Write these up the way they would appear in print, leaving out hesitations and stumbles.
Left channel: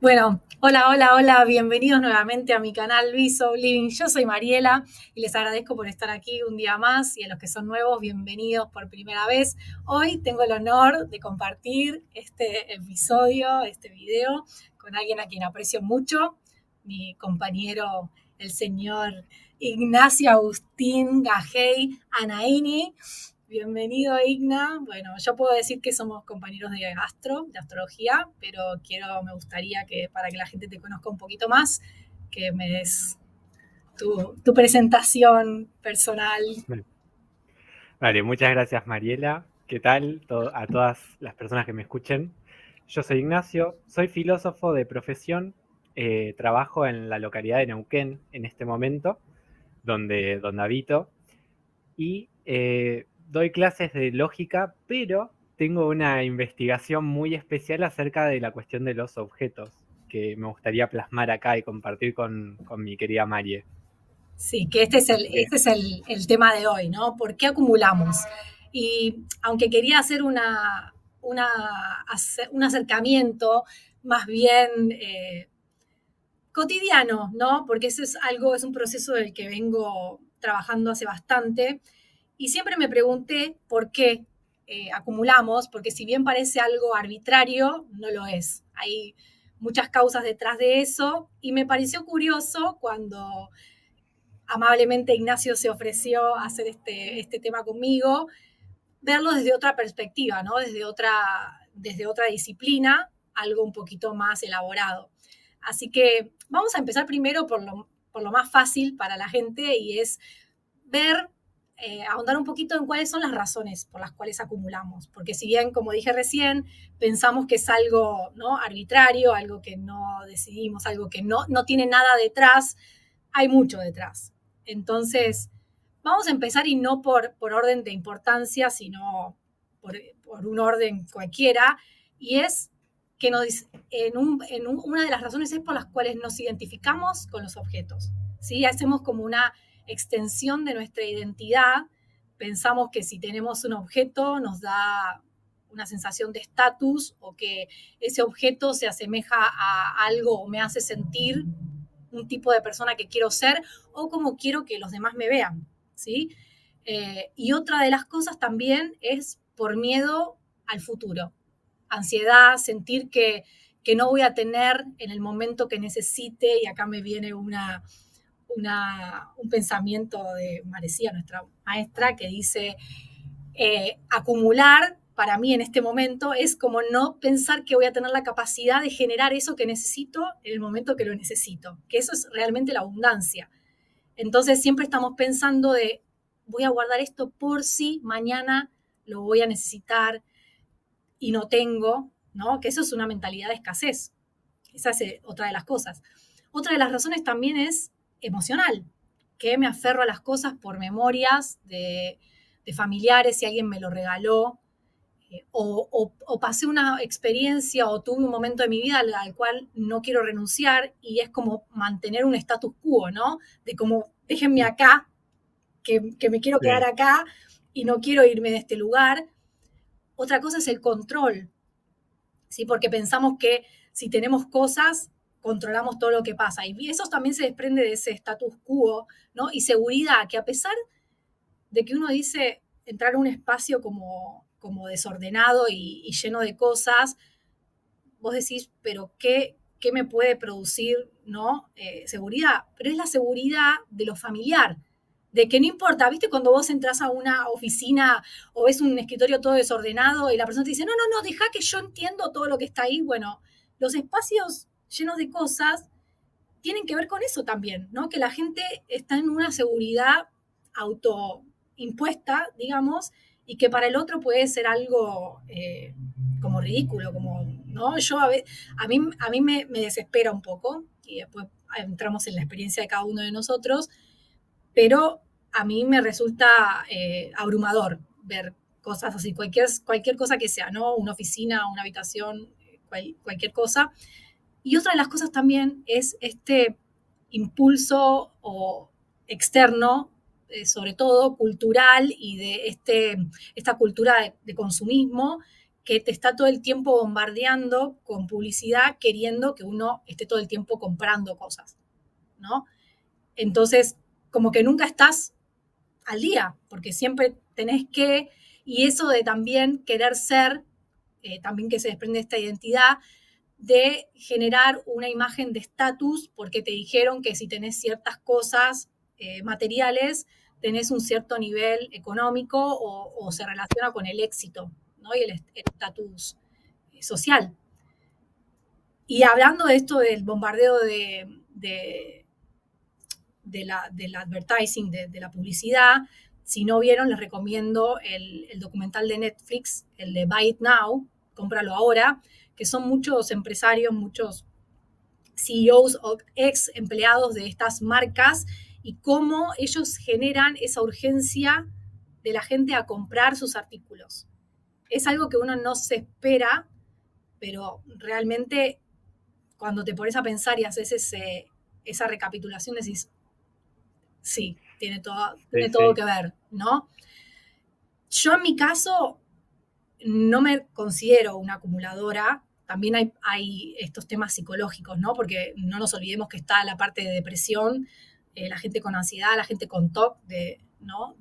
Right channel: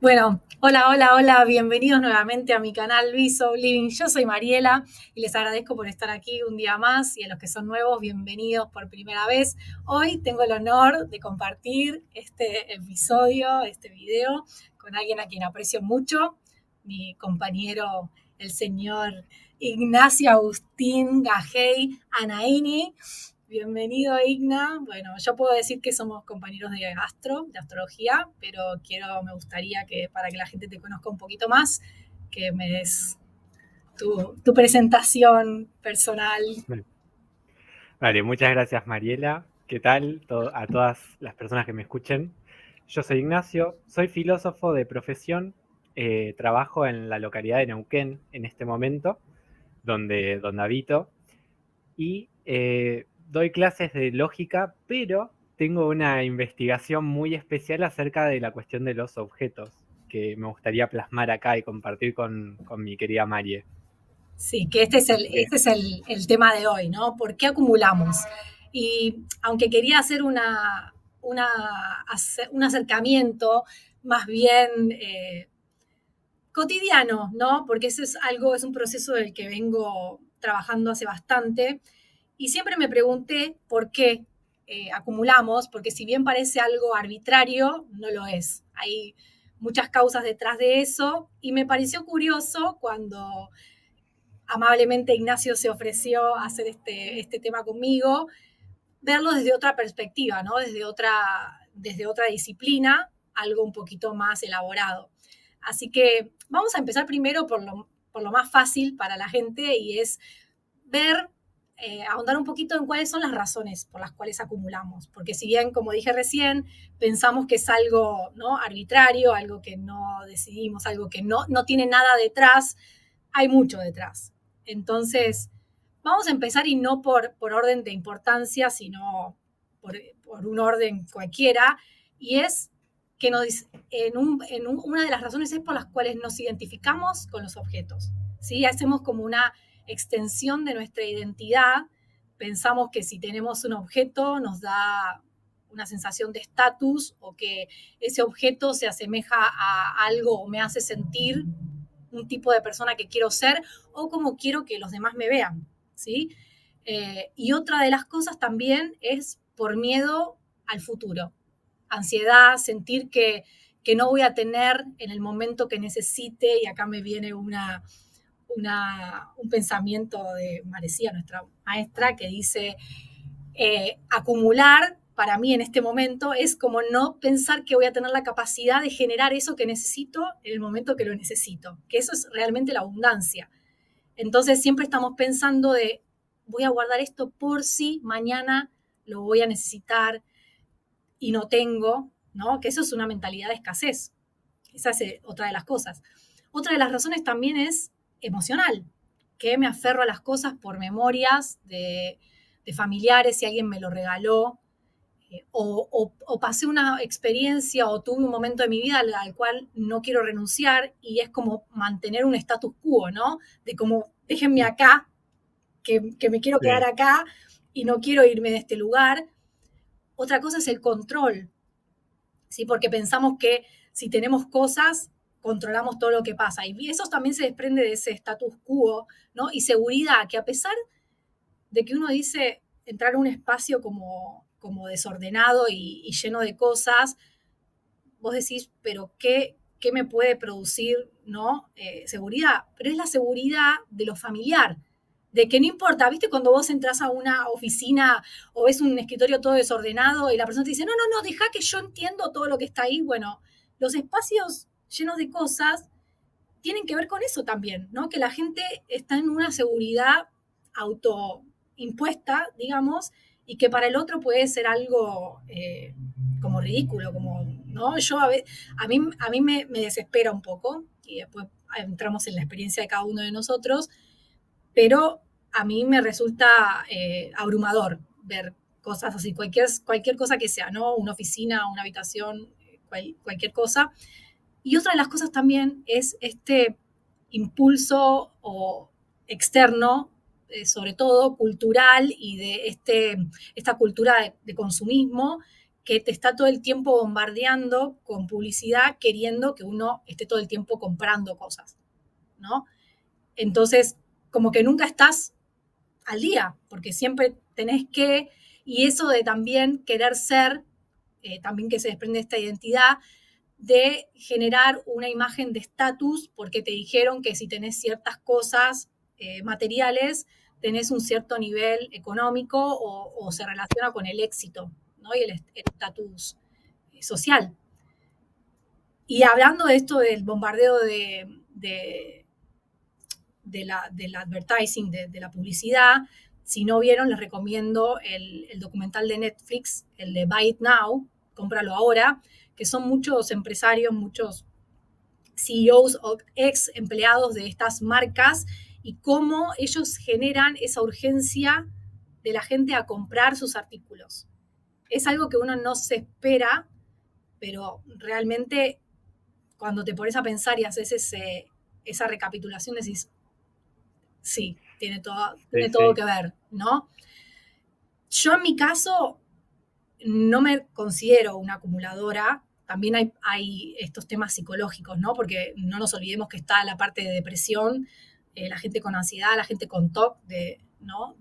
Bueno, hola, hola, hola, bienvenidos nuevamente a mi canal Viso Living. Yo soy Mariela y les agradezco por estar aquí un día más y a los que son nuevos, bienvenidos por primera vez. Hoy tengo el honor de compartir este episodio, este video, con alguien a quien aprecio mucho, mi compañero, el señor Ignacio Agustín Gajei Anaini. Bienvenido, Igna. Bueno, yo puedo decir que somos compañeros de de astrología, pero me gustaría que para que la gente te conozca un poquito más, que me des tu presentación personal. Bueno, vale, muchas gracias Mariela. ¿Qué tal a todas las personas que me escuchen? Yo soy Ignacio, soy filósofo de profesión, trabajo en la localidad de Neuquén en este momento, donde habito, y doy clases de lógica, pero tengo una investigación muy especial acerca de la cuestión de los objetos que me gustaría plasmar acá y compartir con mi querida Marie. Sí, que Así que, este es el tema de hoy, ¿no? ¿Por qué acumulamos? Y aunque quería hacer una, un acercamiento más bien cotidiano, ¿no? Porque eso es algo, es un proceso del que vengo trabajando hace bastante. Y siempre me pregunté por qué acumulamos, porque si bien parece algo arbitrario, no lo es. Hay muchas causas detrás de eso y me pareció curioso cuando amablemente Ignacio se ofreció a hacer este tema conmigo, verlo desde otra perspectiva, ¿no? Desde otra disciplina, algo un poquito más elaborado. Así que vamos a empezar primero por lo más fácil para la gente y es ver, ahondar un poquito en cuáles son las razones por las cuales acumulamos. Porque si bien, como dije recién, pensamos que es algo, ¿no?, arbitrario, algo que no decidimos, algo que no tiene nada detrás, hay mucho detrás. Entonces, vamos a empezar y no por orden de importancia, sino por un orden cualquiera, y es que una de las razones es por las cuales nos identificamos con los objetos. ¿Sí? Hacemos como una extensión de nuestra identidad. Pensamos que si tenemos un objeto nos da una sensación de estatus o que ese objeto se asemeja a algo o me hace sentir un tipo de persona que quiero ser o como quiero que los demás me vean, ¿sí? Y otra de las cosas también es por miedo al futuro, ansiedad, sentir que no voy a tener en el momento que necesite, y acá me viene un pensamiento de Marecía, nuestra maestra, que dice, acumular para mí en este momento es como no pensar que voy a tener la capacidad de generar eso que necesito en el momento que lo necesito, que eso es realmente la abundancia. Entonces siempre estamos pensando de, voy a guardar esto por si mañana lo voy a necesitar y no tengo, ¿no? Que eso es una mentalidad de escasez. Esa es otra de las cosas. Otra de las razones también es emocional, que me aferro a las cosas por memorias de familiares, si alguien me lo regaló, o pasé una experiencia o tuve un momento de mi vida al cual no quiero renunciar y es como mantener un status quo, ¿no? De como, déjenme acá, que me quiero quedar sí. acá y no quiero irme de este lugar. Otra cosa es el control, ¿sí? Porque pensamos que si tenemos cosas, controlamos todo lo que pasa. Y eso también se desprende de ese status quo, ¿no? Y seguridad, que a pesar de que uno dice entrar a un espacio como desordenado y lleno de cosas, vos decís, pero ¿qué me puede producir, ¿no? Seguridad. Pero es la seguridad de lo familiar. De que no importa, ¿viste? Cuando vos entras a una oficina o ves un escritorio todo desordenado y la persona te dice, no, no, no, deja que yo entiendo todo lo que está ahí. Bueno, los espacios llenos de cosas tienen que ver con eso también, ¿no? Que la gente está en una seguridad autoimpuesta, digamos, y que para el otro puede ser algo como ridículo, como, ¿no? A mí me desespera un poco, y después entramos en la experiencia de cada uno de nosotros, pero a mí me resulta abrumador ver cosas así, cualquier cosa que sea, ¿no? Una oficina, una habitación, cualquier cosa. Y otra de las cosas también es este impulso o externo, sobre todo cultural y de esta cultura de consumismo que te está todo el tiempo bombardeando con publicidad queriendo que uno esté todo el tiempo comprando cosas, ¿no? Entonces, como que nunca estás al día, porque siempre tenés que, y eso de también querer ser, también que se desprende de esta identidad, de generar una imagen de estatus, porque te dijeron que si tenés ciertas cosas materiales, tenés un cierto nivel económico o se relaciona con el éxito, ¿no? Y el estatus social. Y hablando de esto del bombardeo del advertising, de la publicidad, si no vieron, les recomiendo el documental de Netflix, el de Buy It Now, cómpralo ahora, que son muchos empresarios, muchos CEOs o ex empleados de estas marcas y cómo ellos generan esa urgencia de la gente a comprar sus artículos. Es algo que uno no se espera, pero realmente cuando te pones a pensar y haces esa recapitulación decís, sí, tiene Sí, todo sí. que ver, ¿no? Yo en mi caso no me considero una acumuladora. También hay estos temas psicológicos, ¿no? Porque no nos olvidemos que está la parte de depresión, la gente con ansiedad, la gente con TOC, ¿no?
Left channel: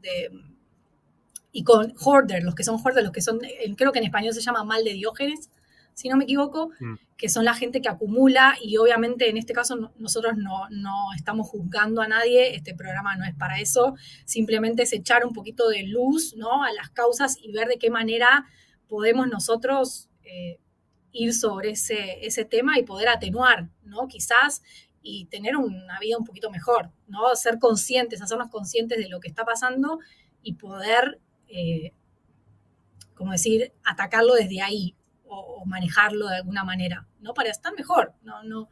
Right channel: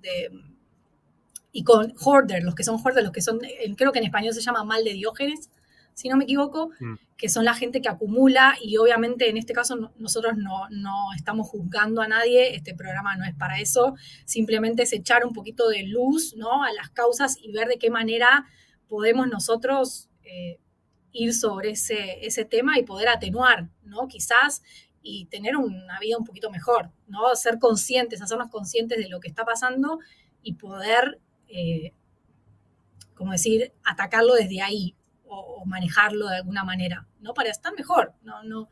Y con hoarder, los que son hoarder, los que son, creo que en español se llama mal de Diógenes, si no me equivoco, Mm. que son la gente que acumula y obviamente en este caso nosotros no estamos juzgando a nadie, este programa no es para eso, simplemente es echar un poquito de luz, ¿no? A las causas y ver de qué manera podemos nosotros ir sobre ese tema y poder atenuar, ¿no? Quizás y tener una vida un poquito mejor, ¿no? Ser conscientes, hacernos conscientes de lo que está pasando y poder, como decir, atacarlo desde ahí o manejarlo de alguna manera, ¿no? Para estar mejor, no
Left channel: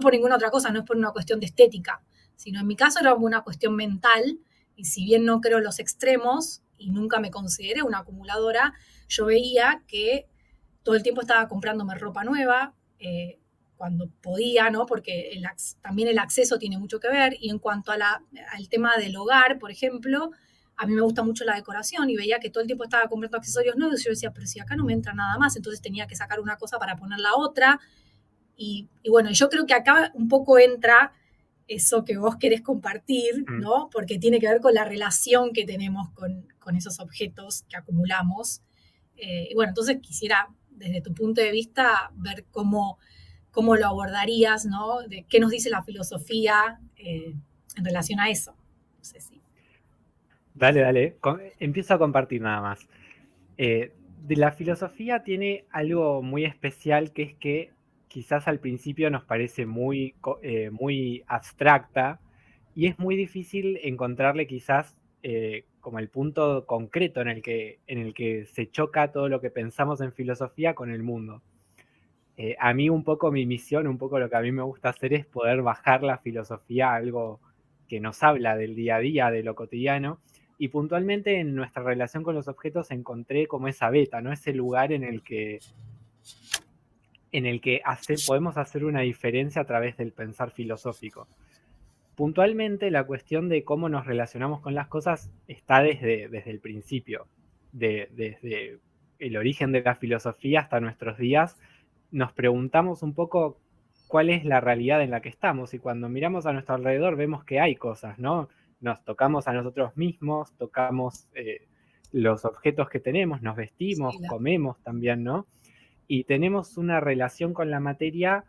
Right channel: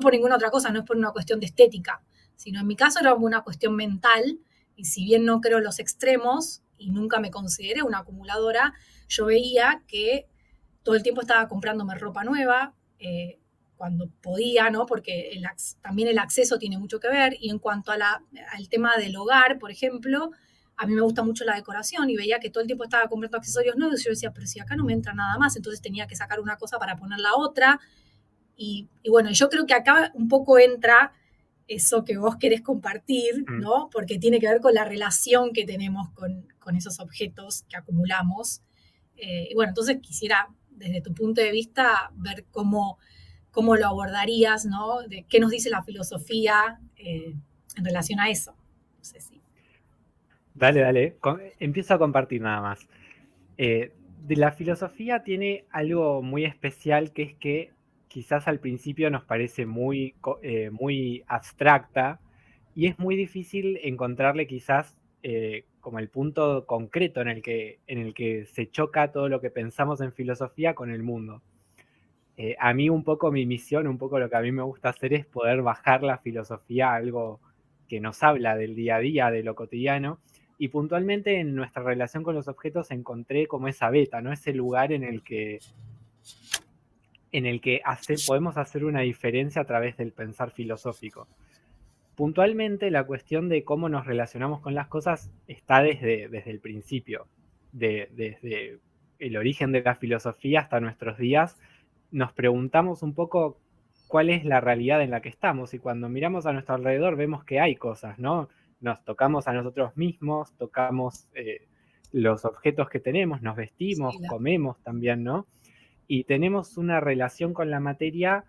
por ninguna otra cosa, no es por una cuestión de estética, sino en mi caso era una cuestión mental y si bien no creo en los extremos y nunca me consideré una acumuladora, yo veía que todo el tiempo estaba comprándome ropa nueva, cuando podía, ¿no? Porque también el acceso tiene mucho que ver. Y en cuanto al tema del hogar, por ejemplo, a mí me gusta mucho la decoración y veía que todo el tiempo estaba comprando accesorios nuevos y yo decía, pero si acá no me entra nada más, entonces tenía que sacar una cosa para poner la otra. Y bueno, yo creo que acá un poco entra eso que vos querés compartir, ¿no? Porque tiene que ver con la relación que tenemos con esos objetos que acumulamos. Bueno, entonces quisiera, desde tu punto de vista, ver cómo lo abordarías, ¿no? De qué nos dice la filosofía en relación a eso. No sé si. Dale, dale. Empiezo a compartir nada más. De la filosofía tiene algo muy especial que es que quizás al principio nos parece muy abstracta y es muy difícil encontrarle quizás como el punto concreto en el que se choca todo lo que pensamos en filosofía con el mundo. A mí un poco mi misión, un poco lo que a mí me gusta hacer es poder bajar la filosofía a algo que nos habla del día a día, de lo cotidiano, y puntualmente en nuestra relación con los objetos encontré como esa beta, ¿no? Ese lugar en el que podemos hacer una diferencia a través del pensar filosófico. Puntualmente la cuestión de cómo nos relacionamos con las cosas está desde el principio, desde el origen de la filosofía hasta nuestros días. Nos preguntamos un poco cuál es la realidad en la que estamos y cuando miramos a nuestro alrededor vemos que hay cosas, ¿no? Nos tocamos a nosotros mismos, tocamos los objetos que tenemos, nos vestimos, Sí, comemos también, ¿no? Y tenemos una relación con la materia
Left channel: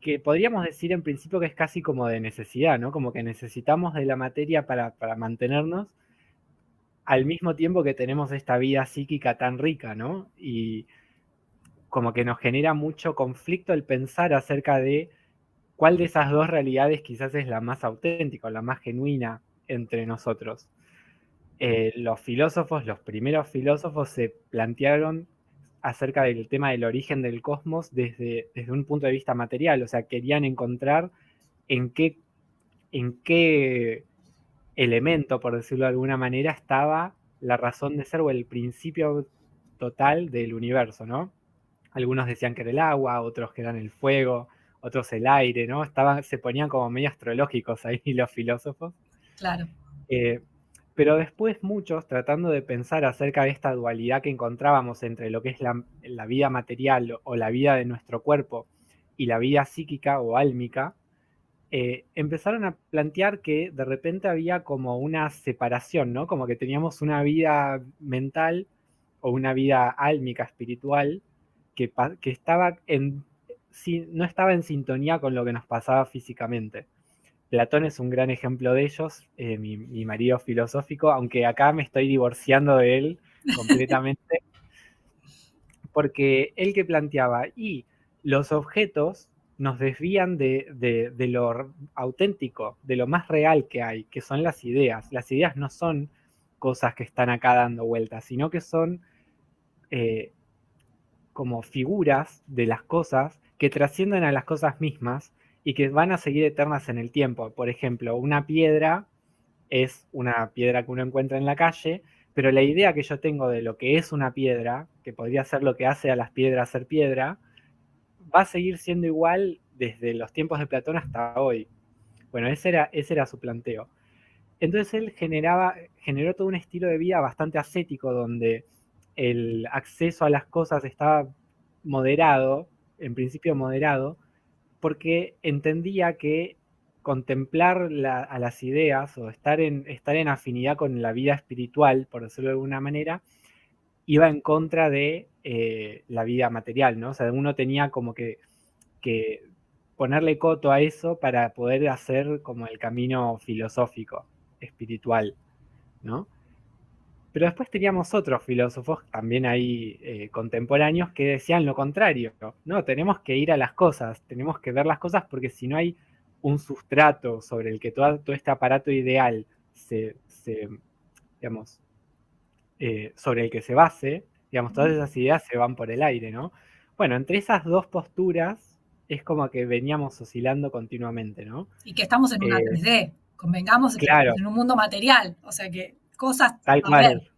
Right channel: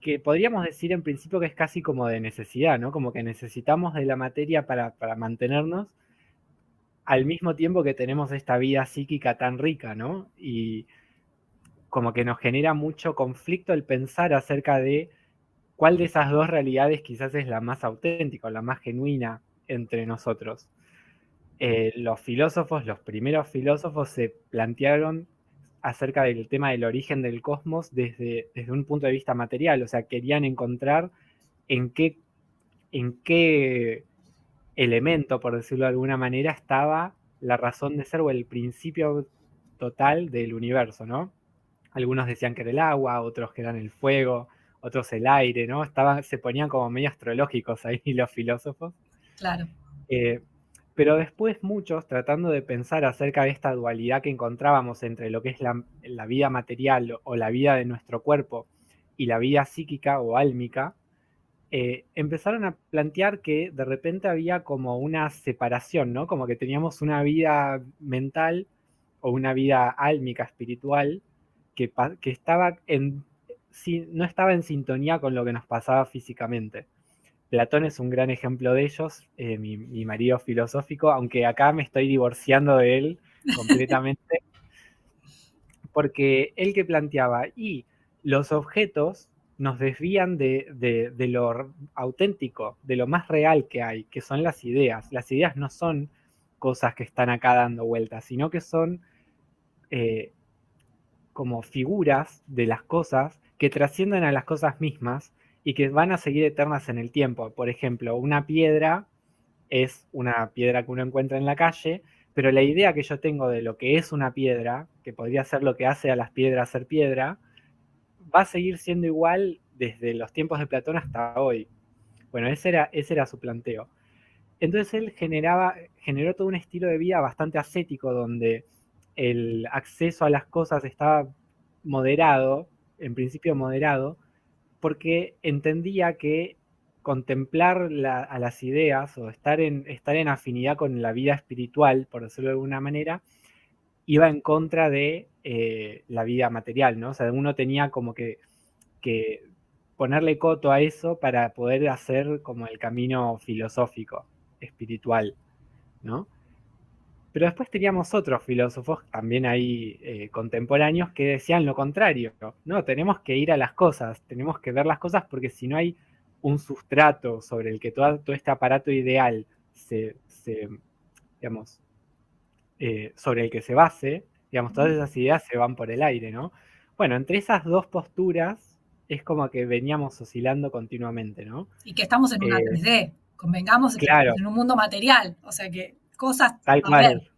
que podríamos decir en principio que es casi como de necesidad, ¿no? Como que necesitamos de la materia para mantenernos, al mismo tiempo que tenemos esta vida psíquica tan rica, ¿no? Y como que nos genera mucho conflicto el pensar acerca de cuál de esas dos realidades quizás es la más auténtica o la más genuina entre nosotros. Los filósofos, los primeros filósofos se plantearon acerca del tema del origen del cosmos desde un punto de vista material, o sea, querían encontrar en qué elemento, por decirlo de alguna manera, estaba la razón de ser o el principio total del universo, ¿no? Algunos decían que era el agua, otros que eran el fuego, otros el aire, ¿no? Se ponían como medio astrológicos ahí los filósofos. claro. Eh, Pero después muchos, tratando de pensar acerca de esta dualidad que encontrábamos entre lo que es la vida material o la vida de nuestro cuerpo y la vida psíquica o álmica, empezaron a plantear que de repente había como una separación, ¿no? Como que teníamos una vida mental o una vida álmica, espiritual, que estaba sí, no estaba en sintonía con lo que nos pasaba físicamente. Platón es un gran ejemplo de ellos, mi marido filosófico, aunque acá me estoy divorciando de él completamente, porque él que planteaba, y los objetos nos desvían de lo auténtico, de lo más real que hay, que son las ideas. Las ideas no son cosas que están acá dando vueltas, sino que son eh, como figuras de las cosas que trascienden a las cosas mismas y que van a seguir eternas en el tiempo. Por ejemplo, una piedra es una piedra que uno encuentra en la calle, pero la idea que yo tengo de lo que es una piedra, que podría ser lo que hace a las piedras ser piedra, va a seguir siendo igual desde los tiempos de Platón hasta hoy. Bueno, ese era su planteo. Entonces él generó todo un estilo de vida bastante ascético donde el acceso a las cosas estaba moderado, en principio moderado, porque entendía que contemplar a las ideas o estar en afinidad con la vida espiritual, por decirlo de alguna manera, iba en contra de la vida material, ¿no? O sea, uno tenía como que ponerle coto a eso para poder hacer como el camino filosófico, espiritual, ¿no? Pero después teníamos otros filósofos también ahí contemporáneos que decían lo contrario. No, tenemos que ir a las cosas, tenemos que ver las cosas porque si no hay un sustrato sobre el que todo este aparato ideal digamos, sobre el que se base, digamos, todas esas ideas se van por el aire, ¿no? Bueno, entre esas dos posturas es como que veníamos oscilando continuamente, ¿no? Y que estamos en una Eh, 3D, convengamos que estamos claro, en un mundo material, o sea que cosas tal va a haber. cual.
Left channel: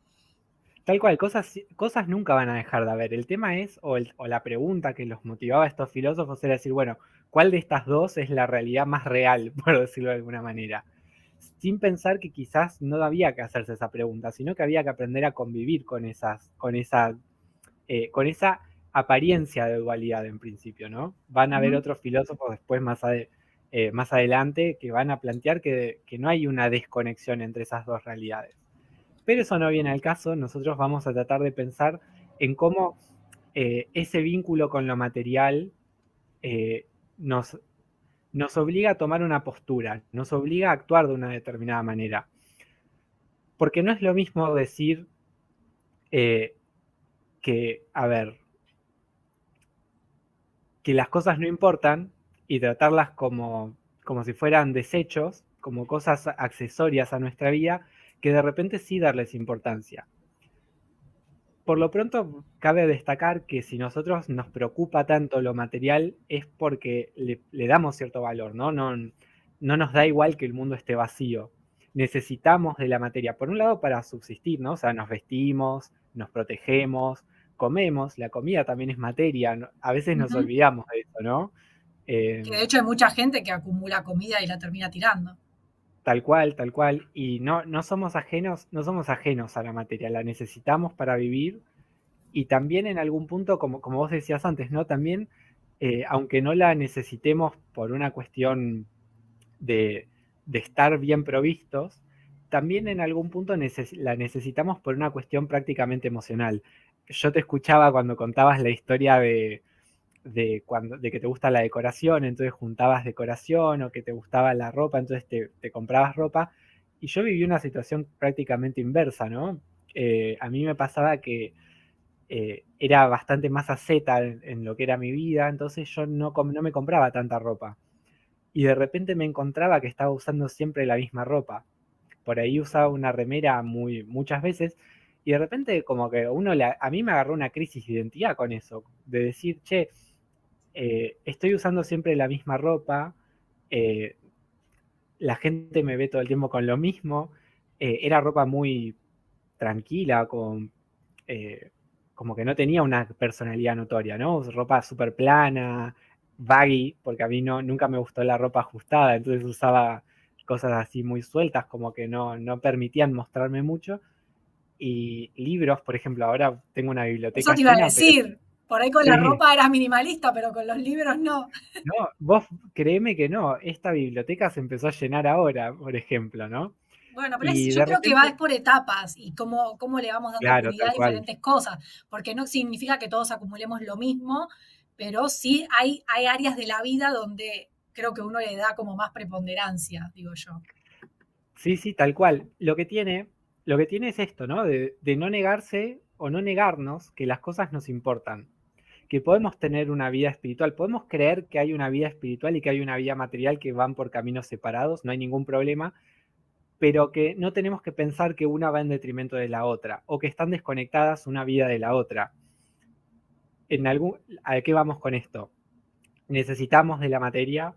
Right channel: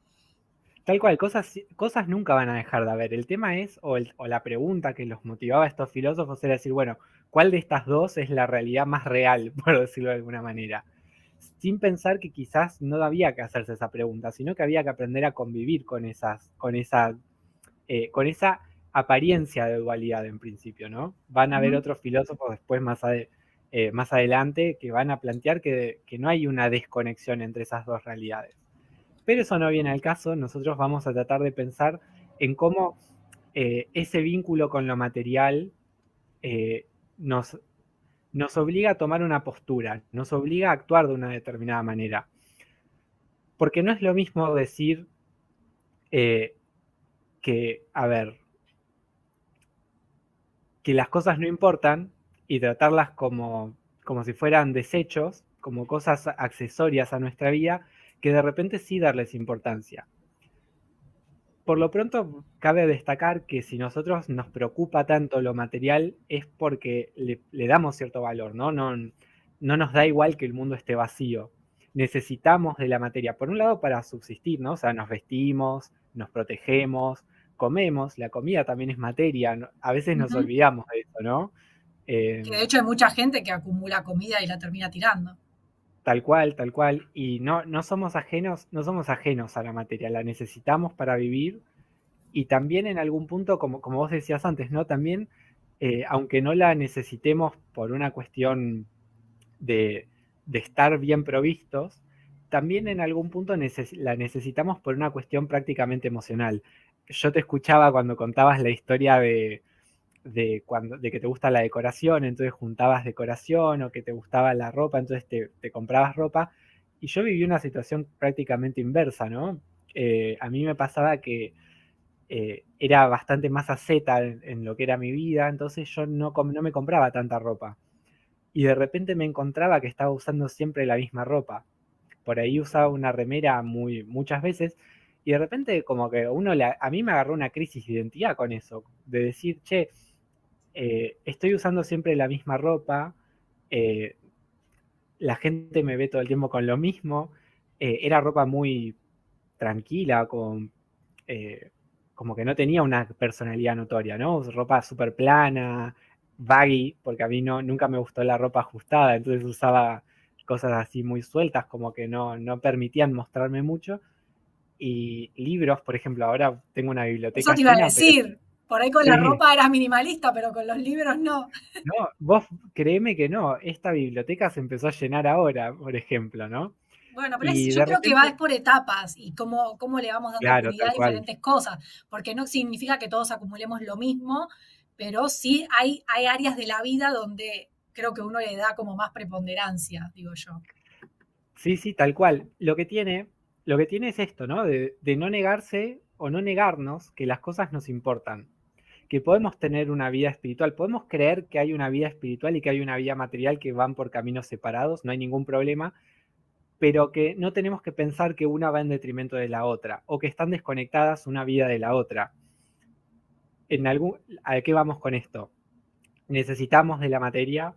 Tal cual, cosas nunca van a dejar de haber. El tema es, o la pregunta que los motivaba a estos filósofos era decir, bueno, ¿cuál de estas dos es la realidad más real, por decirlo de alguna manera? Sin pensar que quizás no había que hacerse esa pregunta, sino que había que aprender a convivir con esa apariencia de dualidad en principio, ¿no? Van a haber Ujú. otros filósofos después más adelante que van a plantear que no hay una desconexión entre esas dos realidades. Pero eso no viene al caso, nosotros vamos a tratar de pensar en cómo ese vínculo con lo material eh, nos, nos obliga a tomar una postura, nos obliga a actuar de una determinada manera. Porque no es lo mismo decir eh, a ver, que las cosas no importan y tratarlas como si fueran desechos, como cosas accesorias a nuestra vida, que de repente sí darles importancia. Por lo pronto, cabe destacar que si nosotros nos preocupa tanto lo material es porque le damos cierto valor, ¿no? No nos da igual que el mundo esté vacío. Necesitamos de la materia, por un lado, para subsistir, ¿no? O sea, nos vestimos, nos protegemos, comemos, la comida también es materia, ¿no? A veces nos Ujú. olvidamos de eso, ¿no? Que de Eh, hecho hay mucha gente que acumula comida y la termina tirando. Tal cual, tal cual. Y no somos ajenos a la materia, la necesitamos para vivir y también en algún punto, como vos decías antes, ¿no? También, aunque no la necesitemos por una cuestión de, de estar bien provistos, también en algún punto la necesitamos por una cuestión prácticamente emocional. Yo te escuchaba cuando contabas la historia de que te gusta la decoración, entonces juntabas decoración o que te gustaba la ropa, entonces te comprabas ropa. Y yo viví una situación prácticamente inversa, ¿no? A mí me pasaba que era bastante más asceta en lo que era mi vida, entonces yo no me compraba tanta ropa. Y de repente me encontraba que estaba usando siempre la misma ropa. Por ahí usaba una remera muchas veces y de repente como que a mí me agarró una crisis de identidad con eso, de decir, che, estoy usando siempre la misma ropa, eh, la gente me ve todo el tiempo con lo mismo, era ropa muy tranquila, eh, como que no tenía una personalidad notoria, ¿no? Ropa súper plana, baggy, porque a mí nunca me gustó la ropa ajustada, entonces usaba cosas así muy sueltas, como que no permitían mostrarme mucho. Y libros, por ejemplo, ahora tengo una Eso biblioteca te iba a llena, pero decir. Por ahí con la sí, ropa eras minimalista, pero con los libros no. no, vos créeme que no, esta biblioteca se empezó a llenar ahora, por ejemplo, ¿no? Bueno, pero Y yo de creo que repente, vas por etapas y cómo le vamos dando claro, prioridad tal a cual. diferentes cosas, porque no significa que todos acumulemos lo mismo, pero sí hay áreas de la vida donde creo que uno le da como más preponderancia, digo yo. Sí, sí, tal cual. Lo que tiene es esto, ¿no? De no negarse o no negarnos que las cosas nos importan. Que podemos tener una vida espiritual, podemos creer que hay una vida espiritual y que hay una vida material que van por caminos separados, no hay ningún problema, pero que no tenemos que pensar que una va en detrimento de la otra o que están desconectadas una vida de la otra. ¿A qué vamos con esto? Necesitamos de la materia,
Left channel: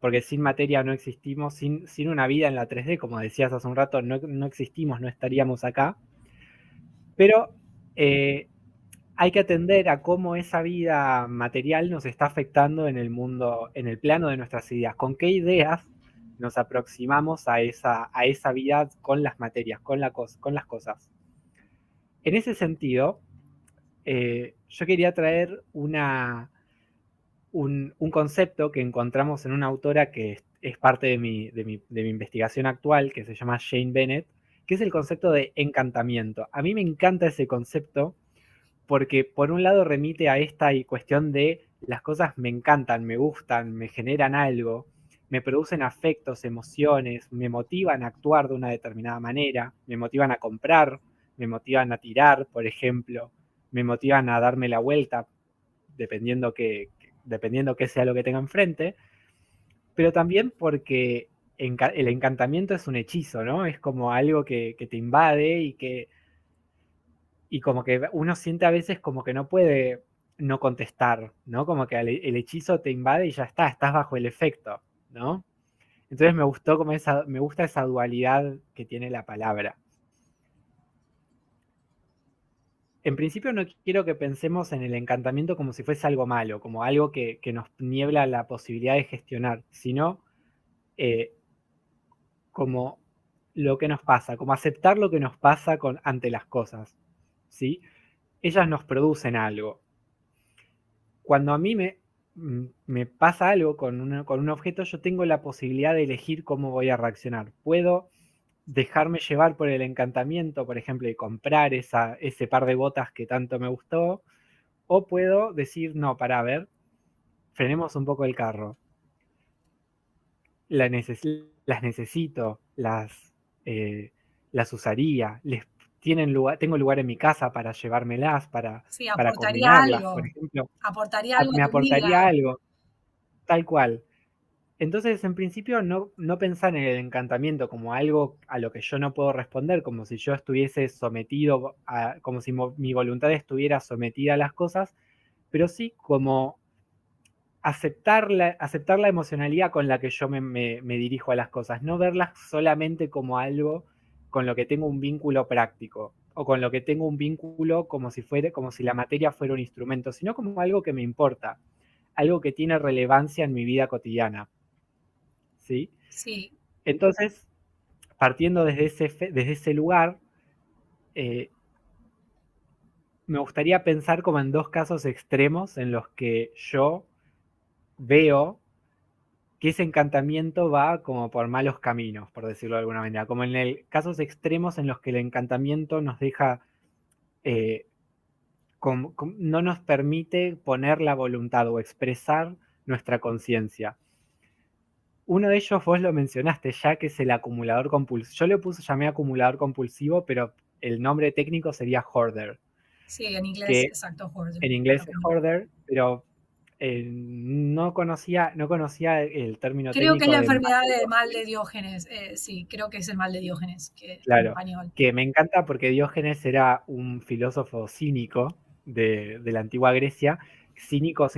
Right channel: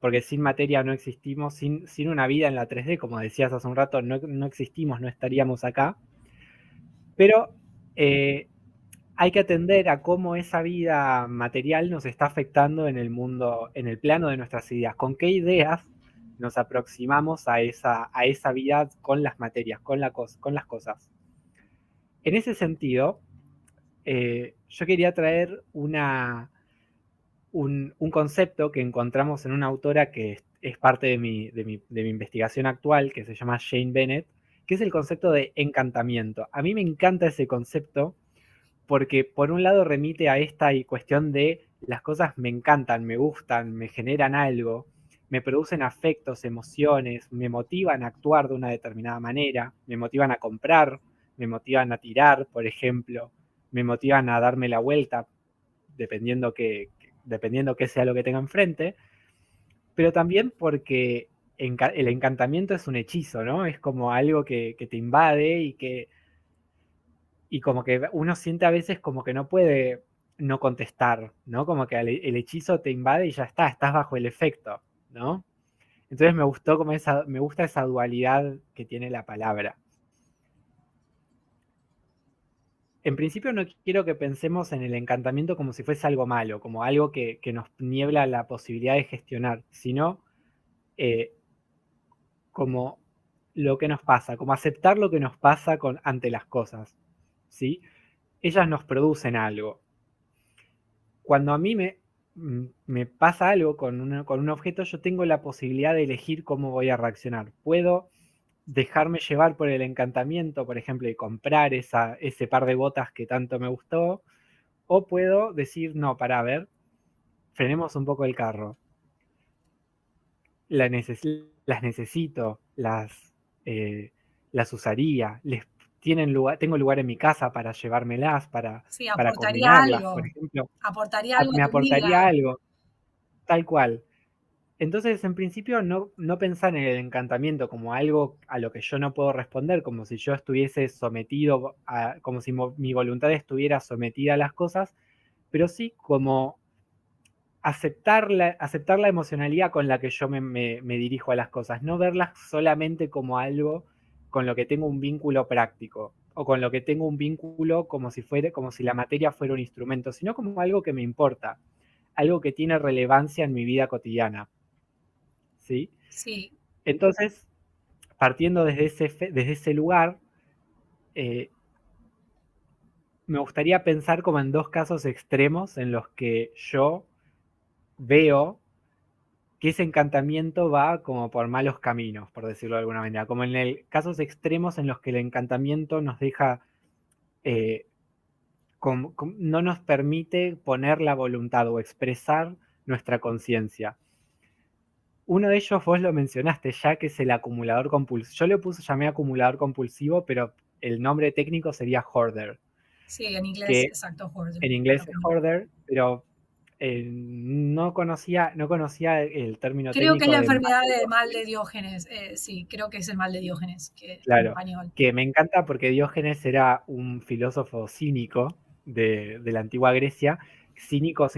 porque sin materia no existimos, sin una vida en la 3D, como decías hace un rato, no existimos, no estaríamos acá, pero eh, hay que atender a cómo esa vida material nos está afectando en el mundo, en el plano de nuestras ideas, con qué ideas nos aproximamos a esa vida con las materias, con las cosas. En ese sentido, yo quería traer un concepto que encontramos en una autora que es parte de mi investigación actual, que se llama Jane Bennett, que es el concepto de encantamiento. A mí me encanta ese concepto porque por un lado remite a esta cuestión de las cosas me encantan, me gustan, me generan algo, me producen afectos, emociones, me motivan a actuar de una determinada manera, me motivan a comprar, me motivan a tirar, por ejemplo, me motivan a darme la vuelta, dependiendo que sea lo que tenga enfrente, pero también porque el encantamiento es un hechizo, ¿no? Es como algo que te invade y como que uno siente a veces como que no puede no contestar, ¿no? Como que el hechizo te invade y ya está, estás bajo el efecto, ¿no? Entonces me gusta esa dualidad que tiene la palabra. En principio no quiero que pensemos en el encantamiento como si fuese algo malo, como algo que nos niebla la posibilidad de gestionar, sino eh, como lo que nos pasa, como aceptar lo que nos pasa ante las cosas, ¿sí? Ellas nos producen algo. Cuando a mí me pasa algo con un objeto, yo tengo la posibilidad de elegir cómo voy a reaccionar. Puedo dejarme llevar por el encantamiento, por ejemplo, de comprar ese par de botas que tanto me gustó, o puedo decir, no, para ver, frenemos un poco el carro. Las necesito, eh, las usaría, tengo lugar en mi casa para llevármelas, Sí, para combinarlas, por ejemplo, aportaría algo a me tu vida. aportaría algo, tal cual. Entonces, en principio, no pensar en el encantamiento como algo a lo que yo no puedo responder, como si yo estuviese sometido, como si mi voluntad estuviera sometida a las cosas, pero sí como aceptar la emocionalidad con la que yo me dirijo a las cosas, no verlas solamente como algo con lo que tengo un vínculo práctico o con lo que tengo un vínculo como si la materia fuera un instrumento, sino como algo que me importa, algo que tiene relevancia en mi vida cotidiana, ¿sí? Sí, Entonces, partiendo desde ese lugar, eh, me gustaría pensar como en dos casos extremos en los que yo veo que ese encantamiento va como por malos caminos, por decirlo de alguna manera, como en casos extremos en los que el encantamiento nos deja, eh, no nos permite poner la voluntad o expresar nuestra conciencia. Uno de ellos vos lo mencionaste ya, que es el acumulador compulsivo. Yo llamé acumulador compulsivo, pero el nombre técnico sería hoarder, sí, en inglés, que exacto, hoarder, en es lo inglés es mismo. hoarder, pero no conocía el término Creo que es técnico la de mal enfermedad de del mal de Diógenes. Diógenes. Sí, creo que es el mal de Diógenes, en Claro, español. que me encanta porque Diógenes era un filósofo cínico de la antigua Grecia. Cínico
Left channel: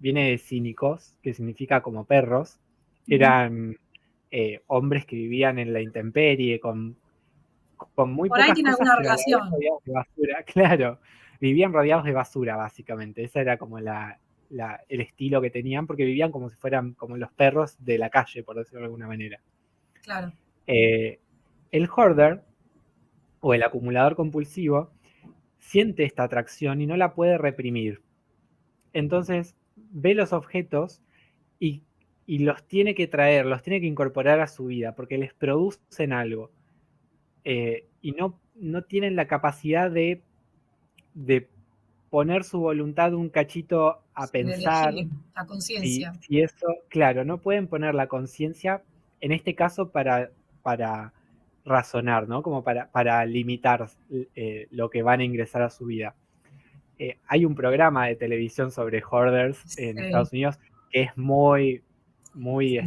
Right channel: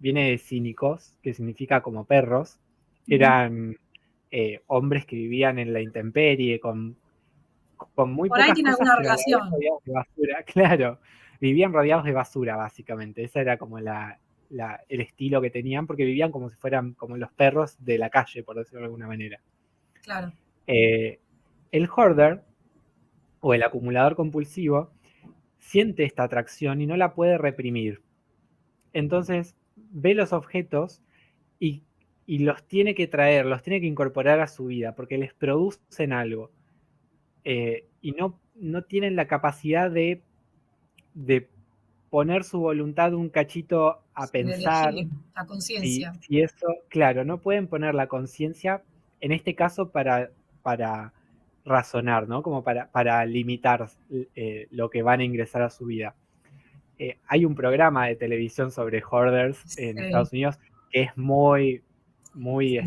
viene de cínicos, que significa como perros. Ujú. Eran hombres que vivían en la intemperie, con muy Por ahí pocas tiene cosas, alguna pero a la vez relación. rodeados de basura. Claro, vivían rodeados de basura, básicamente. Ese era como el estilo que tenían, porque vivían como si fueran como los perros de la calle, por decirlo de alguna manera. claro. Eh, el hoarder o el acumulador compulsivo siente esta atracción y no la puede reprimir. Entonces ve los objetos y, y los tiene que traer, los tiene que incorporar a su vida porque les producen algo. Y no tienen la capacidad de poner su voluntad un cachito a Sí, de pensar elegir la si, conciencia. si eso, claro, no pueden poner la conciencia, en este caso, para razonar, ¿no? Como para limitar lo que van a ingresar a su vida. Hay un programa de televisión sobre hoarders en Sí, Estados Unidos que es muy,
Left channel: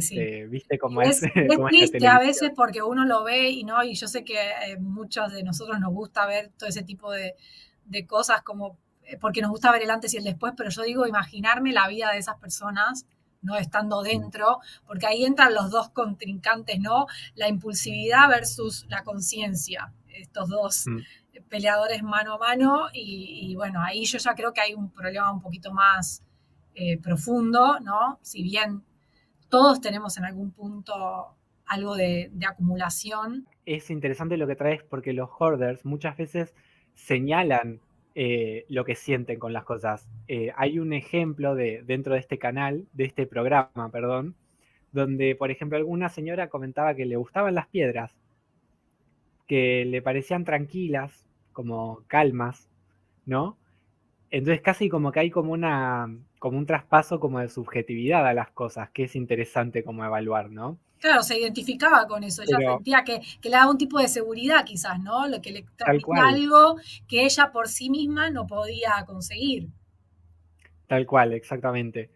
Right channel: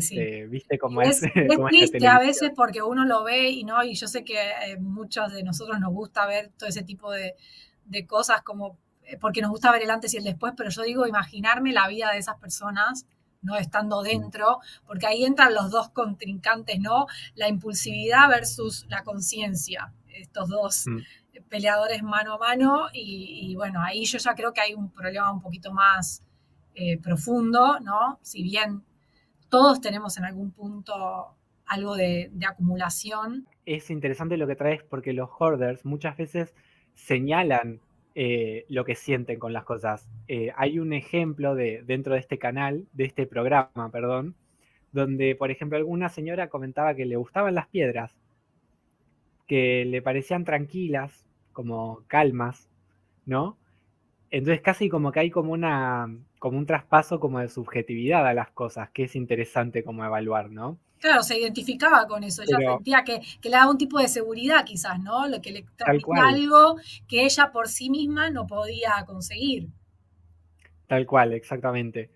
sí, sí. ¿viste cómo Y es, es cómo es la triste a televisión? veces porque uno lo ve y no, y yo sé que muchos de nosotros nos gusta ver todo ese tipo de cosas como, porque nos gusta ver el antes y el después, pero yo digo, imaginarme la vida de esas personas, no estando Mm, dentro, porque ahí entran los dos contrincantes, ¿no? La impulsividad versus la conciencia, estos dos mm. peleadores mano a mano, y bueno, ahí yo ya creo que hay un problema un poquito más profundo, ¿no? Si bien todos tenemos en algún punto algo de acumulación. Es interesante lo que traes porque los hoarders muchas veces señalan lo que sienten con las cosas. Hay un ejemplo dentro de este canal, de este programa, perdón, donde, por ejemplo, alguna señora comentaba que le gustaban las piedras, que le parecían tranquilas, como calmas, ¿no? Entonces casi como que hay como un traspaso como de subjetividad a las cosas, que es interesante como evaluar, ¿no? Claro, se identificaba con eso, ella Pero sentía que le daba un tipo de seguridad quizás, ¿no? Que le tal transmitía cual, algo que ella por sí misma no podía conseguir. tal cual, exactamente.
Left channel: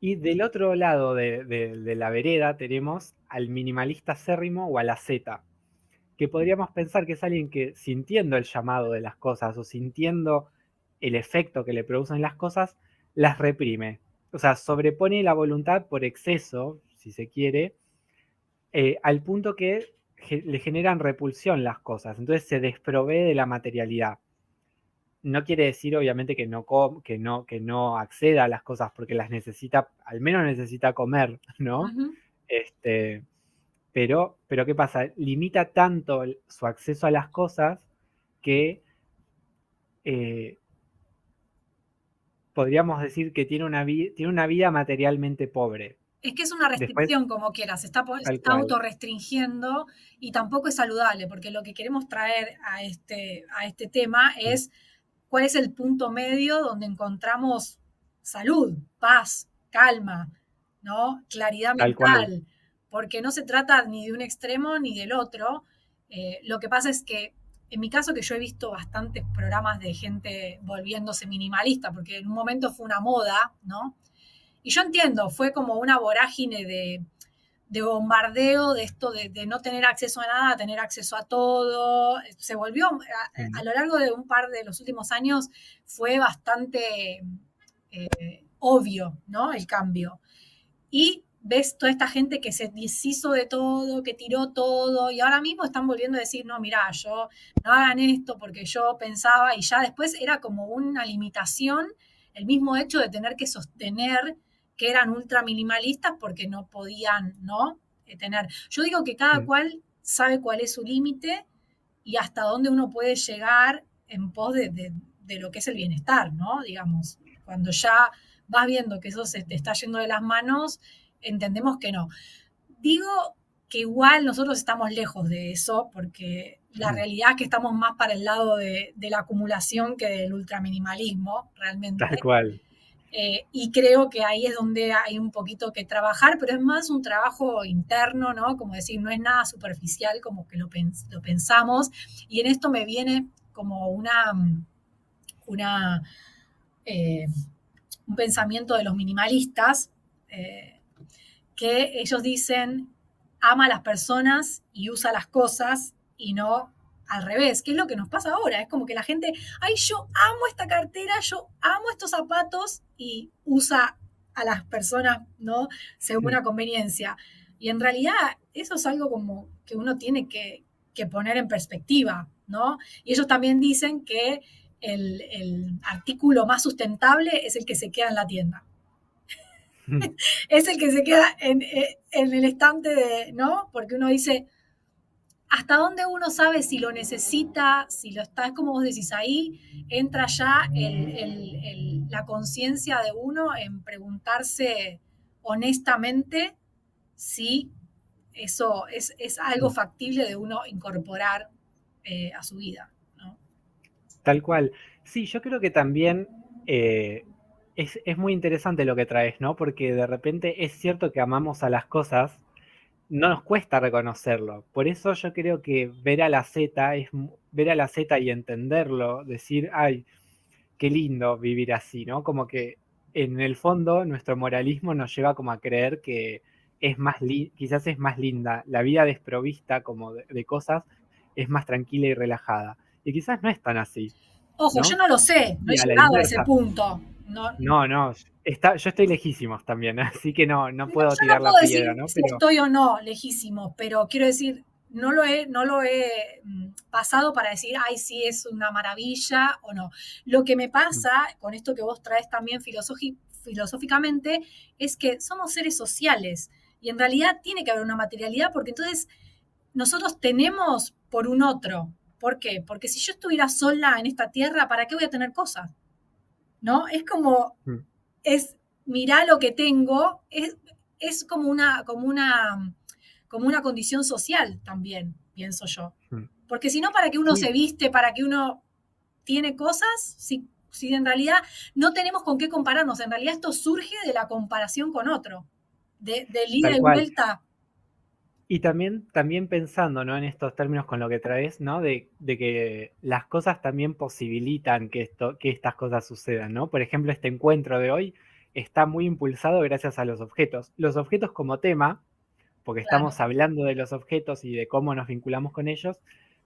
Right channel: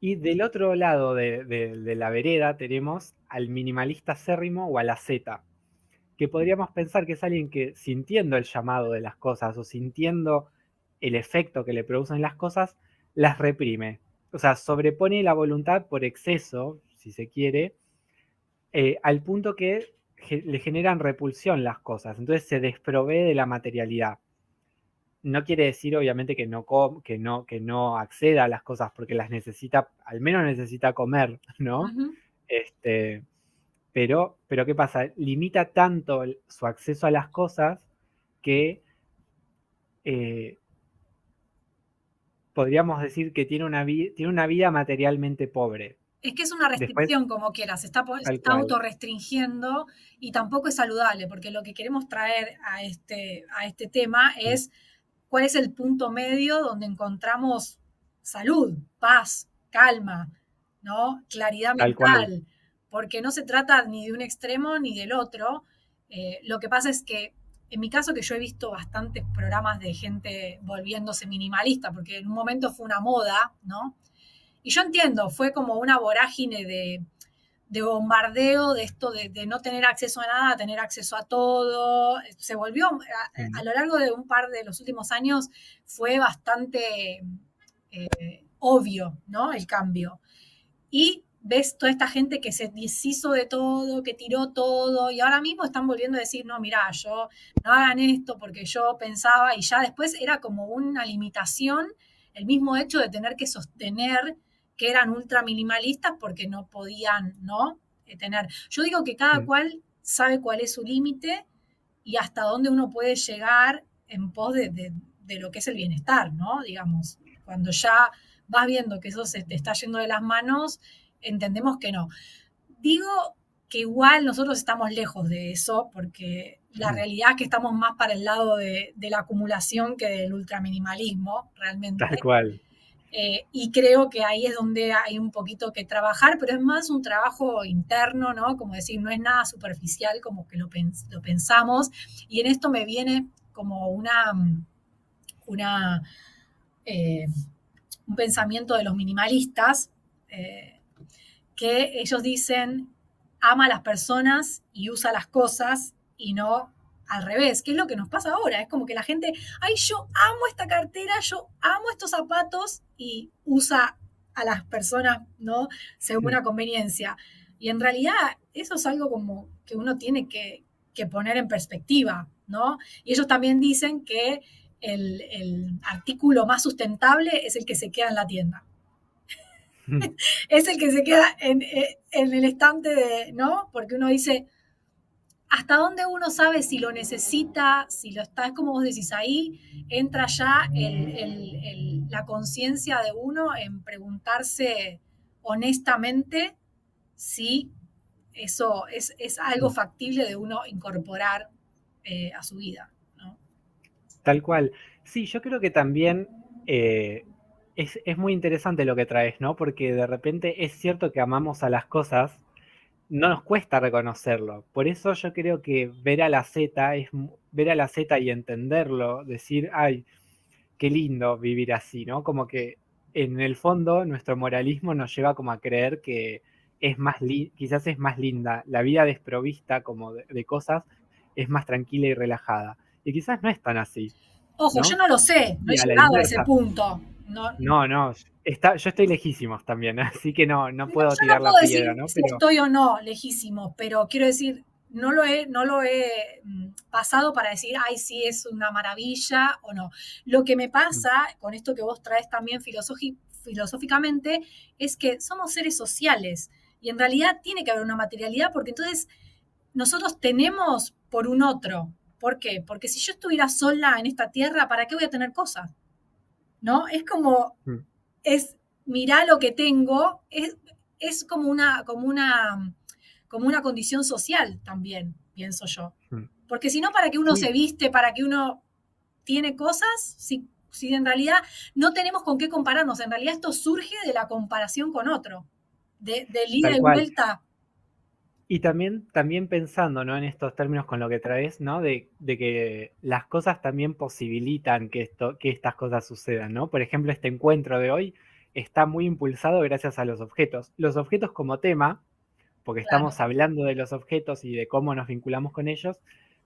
Y del otro lado de la vereda tenemos al minimalista acérrimo o a la Z, que podríamos pensar que es alguien que sintiendo el llamado de las cosas o sintiendo el efecto que le producen las cosas, las reprime. O sea, sobrepone la voluntad por exceso, si se quiere, al punto que le generan repulsión las cosas. Entonces se desprovee de la materialidad. No quiere decir, obviamente, que no acceda a las cosas porque las necesita, al menos necesita comer, ¿no? Ujú. Este, pero ¿qué pasa? Limita tanto su acceso a las cosas que eh, podríamos decir que tiene una vida materialmente pobre. Es que es una Después, restricción como quieras, se tal está cual. autorrestringiendo y tampoco es saludable, porque lo que queremos traer a este tema Sí, es cuál es el punto medio donde encontramos salud, paz, calma, ¿no? Claridad tal cual. mental, porque no se trata ni de un extremo ni del otro. Lo que pasa es que, en mi caso, que yo he visto bastantes programas de gente volviéndose minimalista, porque en un momento fue una moda, ¿no? Y yo entiendo, fue como una vorágine de bombardeo, de esto de no tener acceso a nada, tener acceso a todo. Se volvió, Mm, a lo largo de un par de los últimos años, fue bastante obvio, ¿no? El cambio. Y ves toda esta gente que se deshizo de todo, que tiró todo, y ahora mismo están volviendo a decir, no, mira, yo no hagan esto porque yo pensaba, y ya después era como una limitación el mismo hecho de tener que sostener que eran ultra minimalistas porque no podían, ¿no? Tener. Yo digo que cada mm. cual sabe cuál es su límite y hasta dónde uno puede llegar en pos de lo que es el bienestar, ¿no? Digamos, cuando ya vas viendo que eso se te está yendo de las manos, entendemos que no. Digo que igual nosotros estamos lejos de eso, porque la Mm, realidad es que estamos más para el lado de la acumulación que del ultraminimalismo, tal realmente. cual. Y creo que ahí es donde hay un poquito que trabajar, pero es más un trabajo interno, ¿no? Como decir, no es nada superficial como que lo pensamos. Y en esto me viene como una eh, un pensamiento de los minimalistas, eh, que ellos dicen, ama a las personas y usa las cosas y no al revés, que es lo que nos pasa ahora. Es como que la gente, ay, yo amo esta cartera, yo amo estos zapatos y usa a las personas, ¿no? Según Mm. la conveniencia. Y en realidad eso es algo como que uno tiene que poner en perspectiva, ¿no? Y ellos también dicen que el artículo más sustentable es el que se queda en la tienda. Es el que se queda en el estante de, ¿no? Porque uno dice, ¿hasta dónde uno sabe si lo necesita, si lo está, es como vos decís, ahí entra ya la conciencia de uno en preguntarse honestamente si eso es algo factible de uno incorporar a su vida, ¿no? Tal cual. Sí, yo creo que también es muy interesante lo que traes, ¿no? Porque de repente es cierto que amamos a las cosas, no nos cuesta reconocerlo. Por eso yo creo que ver a la Z es ver a la Z y entenderlo, decir, ay, qué lindo vivir así, ¿no? Como que en el fondo nuestro moralismo nos lleva como a creer que es más quizás es más linda, la vida desprovista como de cosas es más tranquila y relajada. Y quizás no es tan así, Ojo, yo ¿no? no lo sé, no he Y a la llegado a ese inversa. punto. No, No, no, yo estoy lejísimos también, ¿no? Así que no, no no, puedo yo no tirar la puedo decir piedra, ¿no? si Pero estoy o no lejísimo, pero quiero decir, no lo he pasado para decir, ay, sí, es una maravilla o no. Lo que me pasa con esto que vos traes también filosóficamente es que somos seres sociales y en realidad tiene que haber una materialidad porque entonces nosotros tenemos por un otro. ¿Por qué? Porque si yo estuviera sola en esta tierra, ¿para qué voy a tener cosas? ¿No? Es como, mm, es, mirá lo que tengo, es como una condición social también, pienso yo. mm. Porque si no, ¿para qué uno Sí, se viste? ¿Para qué uno tiene cosas? Si en realidad no tenemos con qué compararnos. En realidad esto surge de la comparación con otro, del ida tal y cual. vuelta. Y también pensando, ¿no? En estos términos con lo que traes, ¿no? De que las cosas también posibilitan que estas cosas sucedan, ¿no? Por ejemplo, este encuentro de hoy está muy impulsado gracias a los objetos. Los objetos como tema, porque Claro, estamos hablando de los objetos y de cómo nos vinculamos con ellos,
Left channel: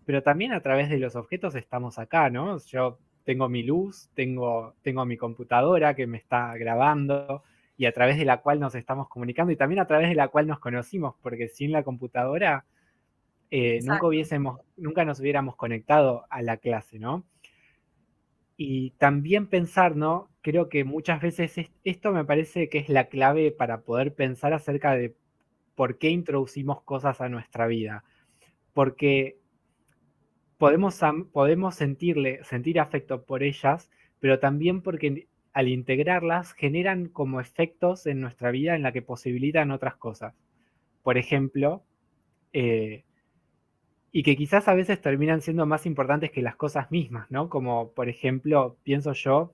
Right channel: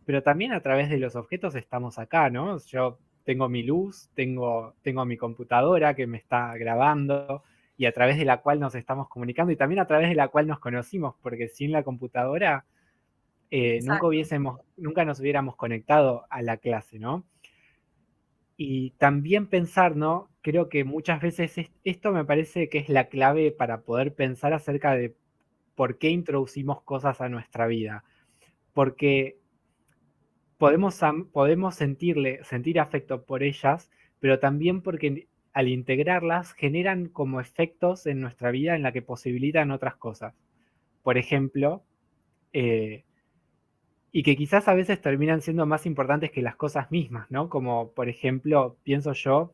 pero también a través de los objetos estamos acá, ¿no? Yo tengo mi luz, tengo mi computadora que me está grabando y a través de la cual nos estamos comunicando y también a través de la cual nos conocimos, porque sin la computadora exacto. nunca nos hubiéramos conectado a la clase, ¿no? Y también pensar, ¿no? Creo que muchas veces esto me parece que es la clave para poder pensar acerca de por qué introducimos cosas a nuestra vida. Porque podemos sentir afecto por ellas, pero también porque al integrarlas generan como efectos en nuestra vida en la que posibilitan otras cosas. Por ejemplo, eh, y que quizás a veces terminan siendo más importantes que las cosas mismas, ¿no? Como por ejemplo, pienso yo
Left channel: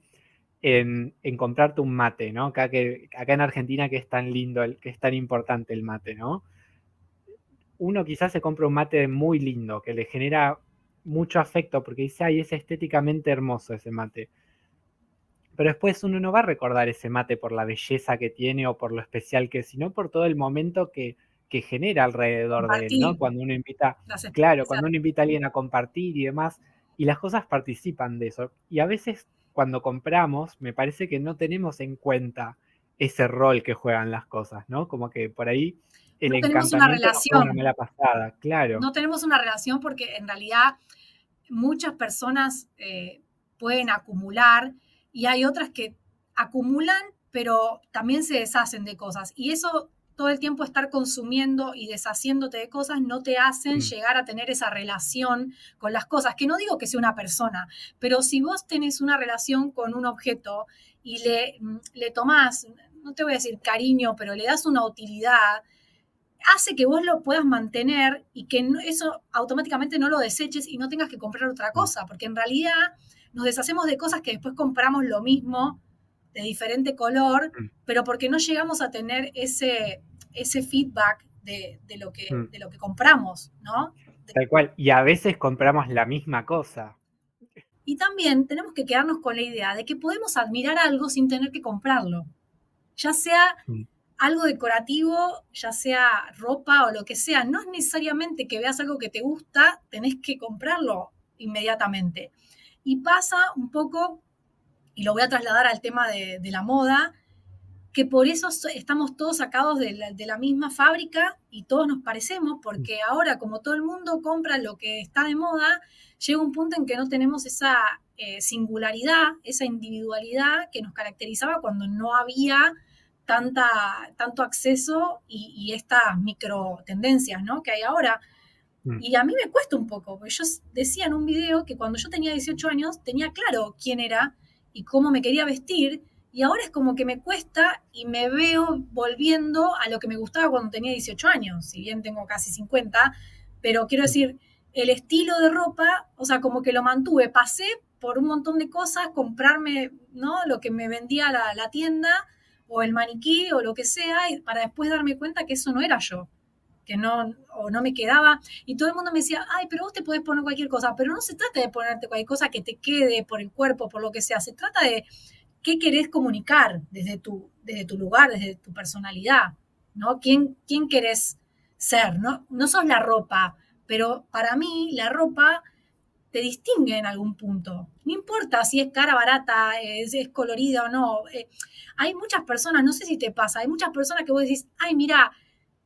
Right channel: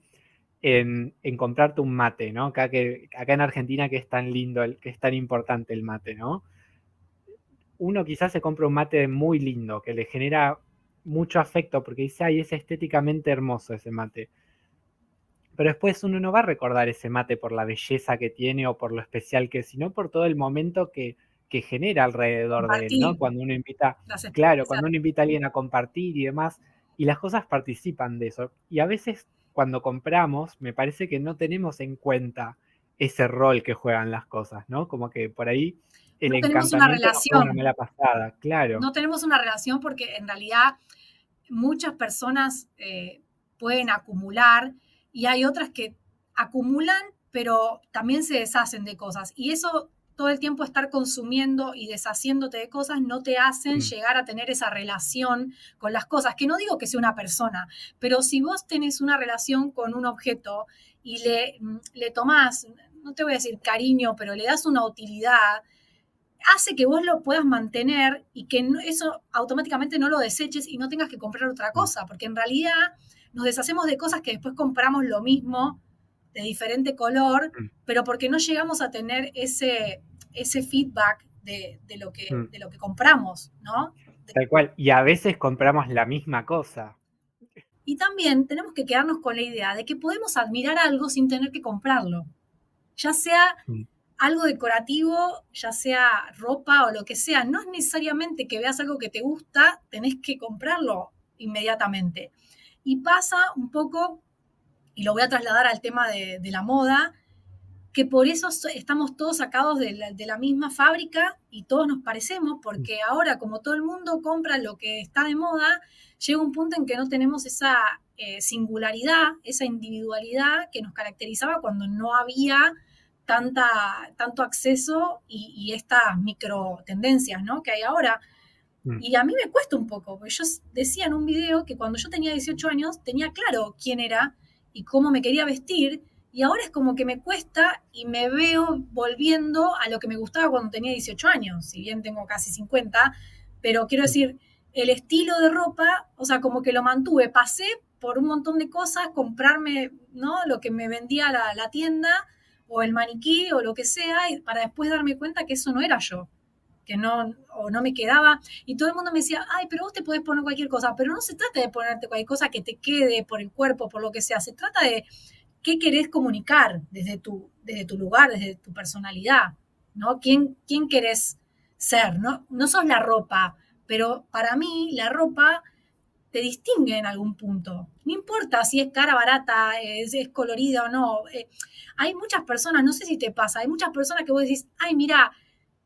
en comprarte un mate, ¿no? Acá en Argentina que es tan lindo, que es tan importante el mate, ¿no? Uno quizás se compra un mate muy lindo, que le genera mucho afecto, porque dice, ay, es estéticamente hermoso ese mate. Pero después uno no va a recordar ese mate por la belleza que tiene o por lo especial que es, sino por todo el momento que genera alrededor de él, ¿no? Compartir Cuando uno invita, las claro, experiencias. cuando uno invita a alguien a compartir y demás, y las cosas participan de eso. Y a veces cuando compramos, me parece que no tenemos en cuenta ese rol que juegan las cosas, ¿no? Como que por ahí el No tenemos una encantamiento nos juega una relación. mala pasada, claro. No tenemos una relación porque en realidad muchas personas pueden acumular y hay otras que acumulan, pero también se deshacen de cosas. Y eso, todo el tiempo estar consumiendo y deshaciéndote de cosas, no te hacen Mm, llegar a tener esa relación con las cosas. Que no digo que sea una persona, pero si vos tenés una relación con un objeto y le tomás, no te voy a decir cariño, pero le das una utilidad, hace que vos lo puedas mantener y que eso automáticamente no lo deseches y no tengas que comprar otra mm, cosa, porque en realidad nos deshacemos de cosas que después compramos lo mismo, de diferente color, mm, pero porque no llegamos a tener ese feedback mm. de lo que compramos, ¿no? Tal cual. Y a veces compramos la misma cosa. Y también tenemos que quedarnos con la idea de que podemos admirar algo sin tener que comprarlo, ya sea Mm, algo decorativo, ya sea ropa o lo que sea, no es necesariamente que veas algo que te gusta, tenés que comprarlo inmediatamente. Y pasa un poco, y lo voy a trasladar al tema de la moda, que por eso estamos todos sacados de la misma fábrica y todos nos parecemos, mm, porque ahora como todo el mundo compra lo que está de moda, llega un punto en que no tenemos esa singularidad, esa individualidad que nos caracterizaba cuando no había tanto acceso y estas micro tendencias, ¿no? Que hay ahora. Mm. Y a mí me cuesta un poco, porque yo decía en un video que cuando yo tenía 18 años tenía claro quién era y cómo me quería vestir, y ahora es como que me cuesta y me veo volviendo a lo que me gustaba cuando tenía 18 años, si bien tengo casi 50, pero quiero Mm. decir, el estilo de ropa, o sea, como que lo mantuve, pasé por un montón de cosas, comprarme, ¿no? Lo que me vendía la tienda o el maniquí o lo que sea, y para después darme cuenta que eso no era yo, que no, o no me quedaba, y todo el mundo me decía, ay, pero vos te podés poner cualquier cosa, pero no se trata de ponerte cualquier cosa que te quede por el cuerpo, por lo que sea, se trata de qué querés comunicar desde tu lugar, desde tu personalidad, ¿no? ¿Quién querés ser? ¿No? No sos la ropa, pero para mí la ropa te distingue en algún punto. No importa si es cara, barata, es colorida o no. Hay muchas personas, no sé si te pasa, hay muchas personas que vos decís, ay, mira,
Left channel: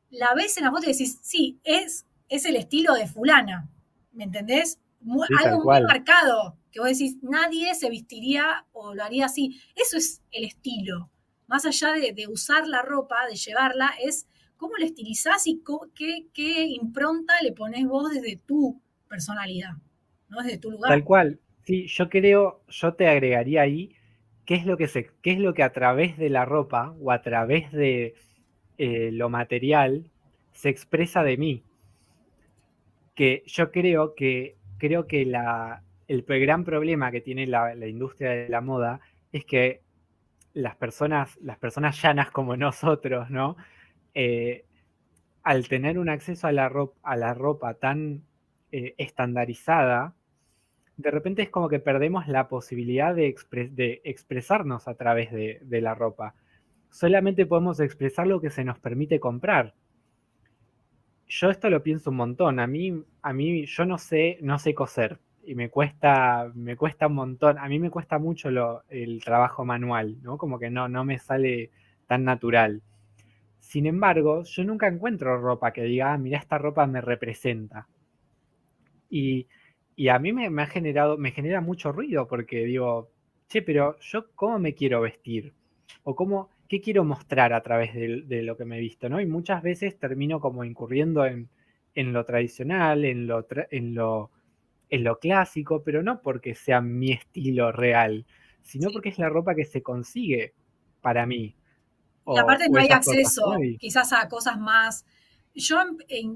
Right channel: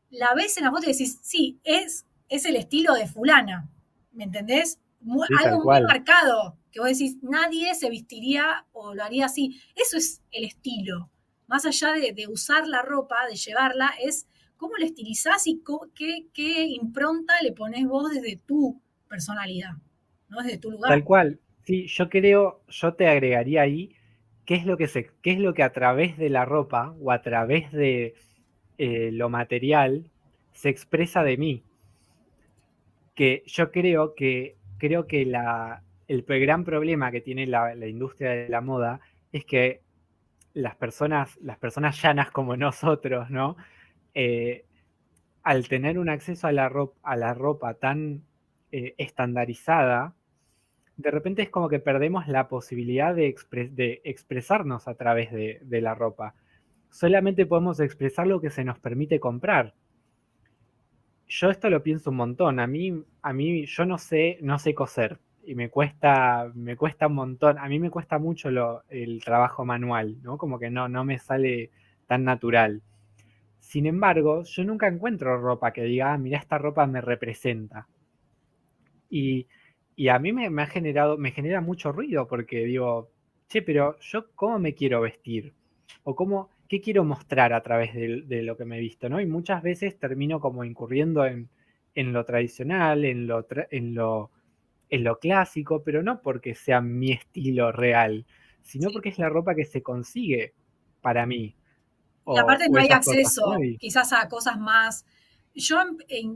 la ves en la foto y decís, sí, es el estilo de fulana, ¿me entendés? Sí, tal Algo muy cual. marcado, que vos decís, nadie se vestiría o lo haría así. Eso es el estilo. Más allá de usar la ropa, de llevarla, es cómo la estilizás y qué impronta le pones vos desde tu personalidad, ¿no? Desde tu lugar. Tal cual. Sí, yo te agregaría ahí qué es lo que a través de la ropa o a través de lo material se expresa de mí. Que yo creo que el gran problema que tiene la industria de la moda es que las personas llanas como nosotros, ¿no? Eh, Al tener un acceso a la ropa tan estandarizada, de repente es como que perdemos la posibilidad de expresarnos a través de la ropa. Solamente podemos expresar lo que se nos permite comprar. Yo esto lo pienso un montón. A mí, yo no sé coser y me cuesta un montón. A mí me cuesta mucho el trabajo manual, ¿no? Como que no me sale tan natural. Sin embargo, yo nunca encuentro ropa que diga, ah, mira, esta ropa me representa. Y, y a mí me genera mucho ruido porque digo, che, pero yo cómo me quiero vestir o cómo, qué quiero mostrar a través de lo que me he visto, ¿no? Y muchas veces termino como incurriendo en lo tradicional, en lo clásico, pero no porque sea mi estilo real, sino porque es la ropa que se consigue para mí Y aparte o no hay esas cosas que acceso voy. quizás a cosas más. Yo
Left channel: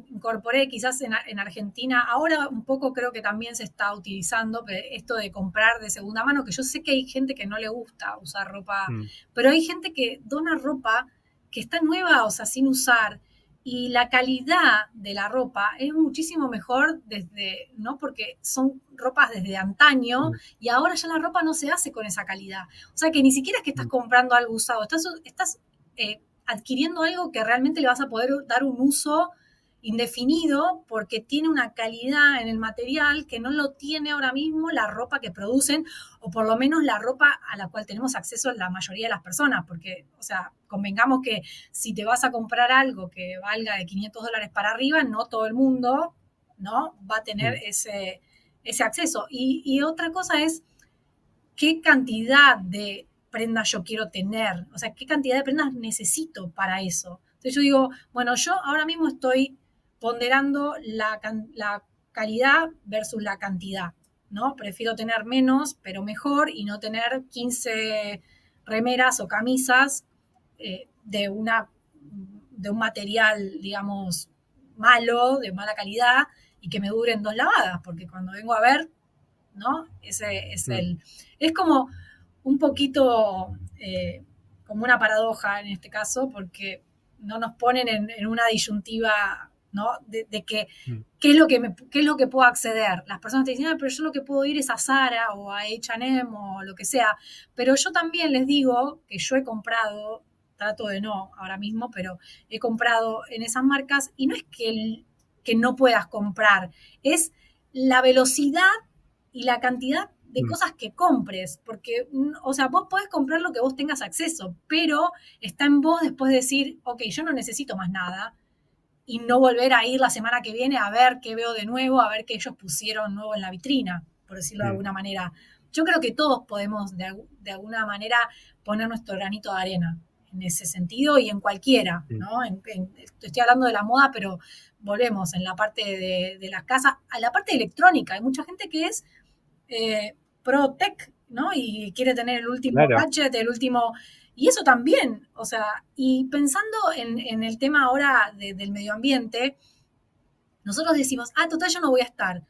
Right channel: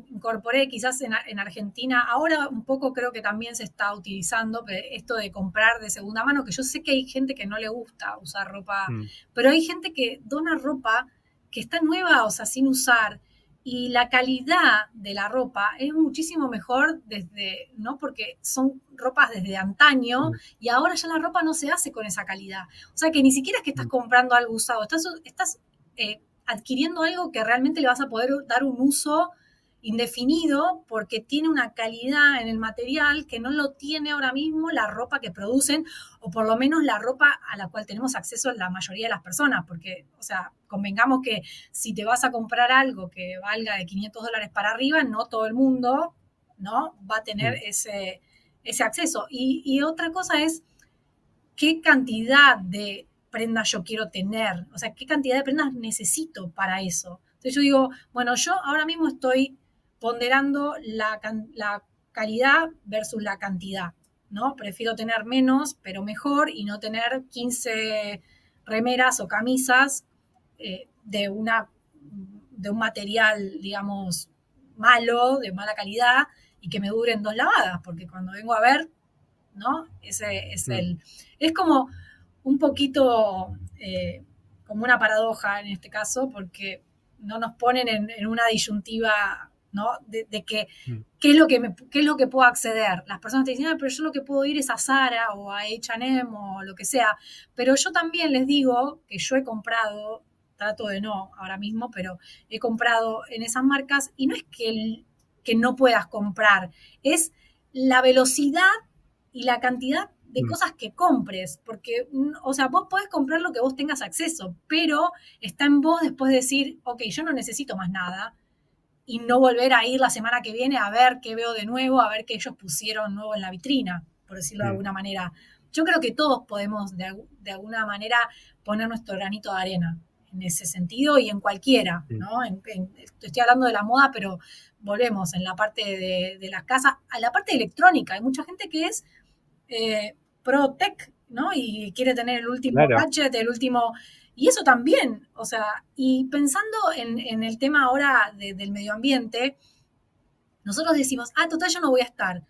incorporé quizás en Argentina, ahora un poco creo que también se está utilizando esto de comprar de segunda mano, que yo sé que hay gente que no le gusta usar ropa, Mm, pero hay gente que dona ropa que está nueva, o sea, sin usar, y la calidad de la ropa es muchísimo mejor desde, ¿no? Porque son ropas desde antaño mm, y ahora ya la ropa no se hace con esa calidad. O sea que ni siquiera es que estás mm, comprando algo usado, estás adquiriendo algo que realmente le vas a poder dar un uso indefinido porque tiene una calidad en el material que no lo tiene ahora mismo la ropa que producen o por lo menos la ropa a la cual tenemos acceso la mayoría de las personas, porque, o sea, convengamos que si te vas a comprar algo que valga de $500 para arriba, no todo el mundo, ¿no? Va a tener mm. ese acceso. Y otra cosa es qué cantidad de prendas yo quiero tener, o sea, qué cantidad de prendas necesito para eso. Entonces yo digo, bueno, yo ahora mismo estoy ponderando la calidad versus la cantidad, ¿no? Prefiero tener menos, pero mejor, y no tener 15 remeras o camisas de un material, digamos, malo, de mala calidad, y que me duren 2 lavadas, porque cuando vengo a ver, ¿no? Ese es Mm. es como un poquito eh, como una paradoja en este caso, porque no nos ponen en una disyuntiva, ¿no? De que Mm. qué es lo que puedo acceder. Las personas te dicen, ah, pero yo lo que puedo ir es a Zara o a H&M o lo que sea. Pero yo también les digo que yo he comprado, trato de no ahora mismo, pero he comprado en esas marcas y no es que no puedas comprar, es la velocidad y la cantidad de Mm. cosas que compres, porque, o sea, vos podés comprar lo que vos tengas acceso, pero está en vos después de decir, ok, yo no necesito más nada, y no volver a ir la semana que viene a ver qué veo de nuevo, a ver qué ellos pusieron nuevo en la vitrina, por decirlo de Mm. alguna manera. Yo creo que todos podemos de alguna manera poner nuestro granito de arena ese sentido y en cualquiera, Mm. ¿no? Estoy hablando de la moda, pero volvemos en la parte de las casas, a la parte electrónica. Hay mucha gente que es pro tech, ¿no? Y quiere tener el último Claro. gadget, el último... Y eso también, o sea, y pensando en el tema ahora del medio ambiente, nosotros decimos, total, yo no voy a estar.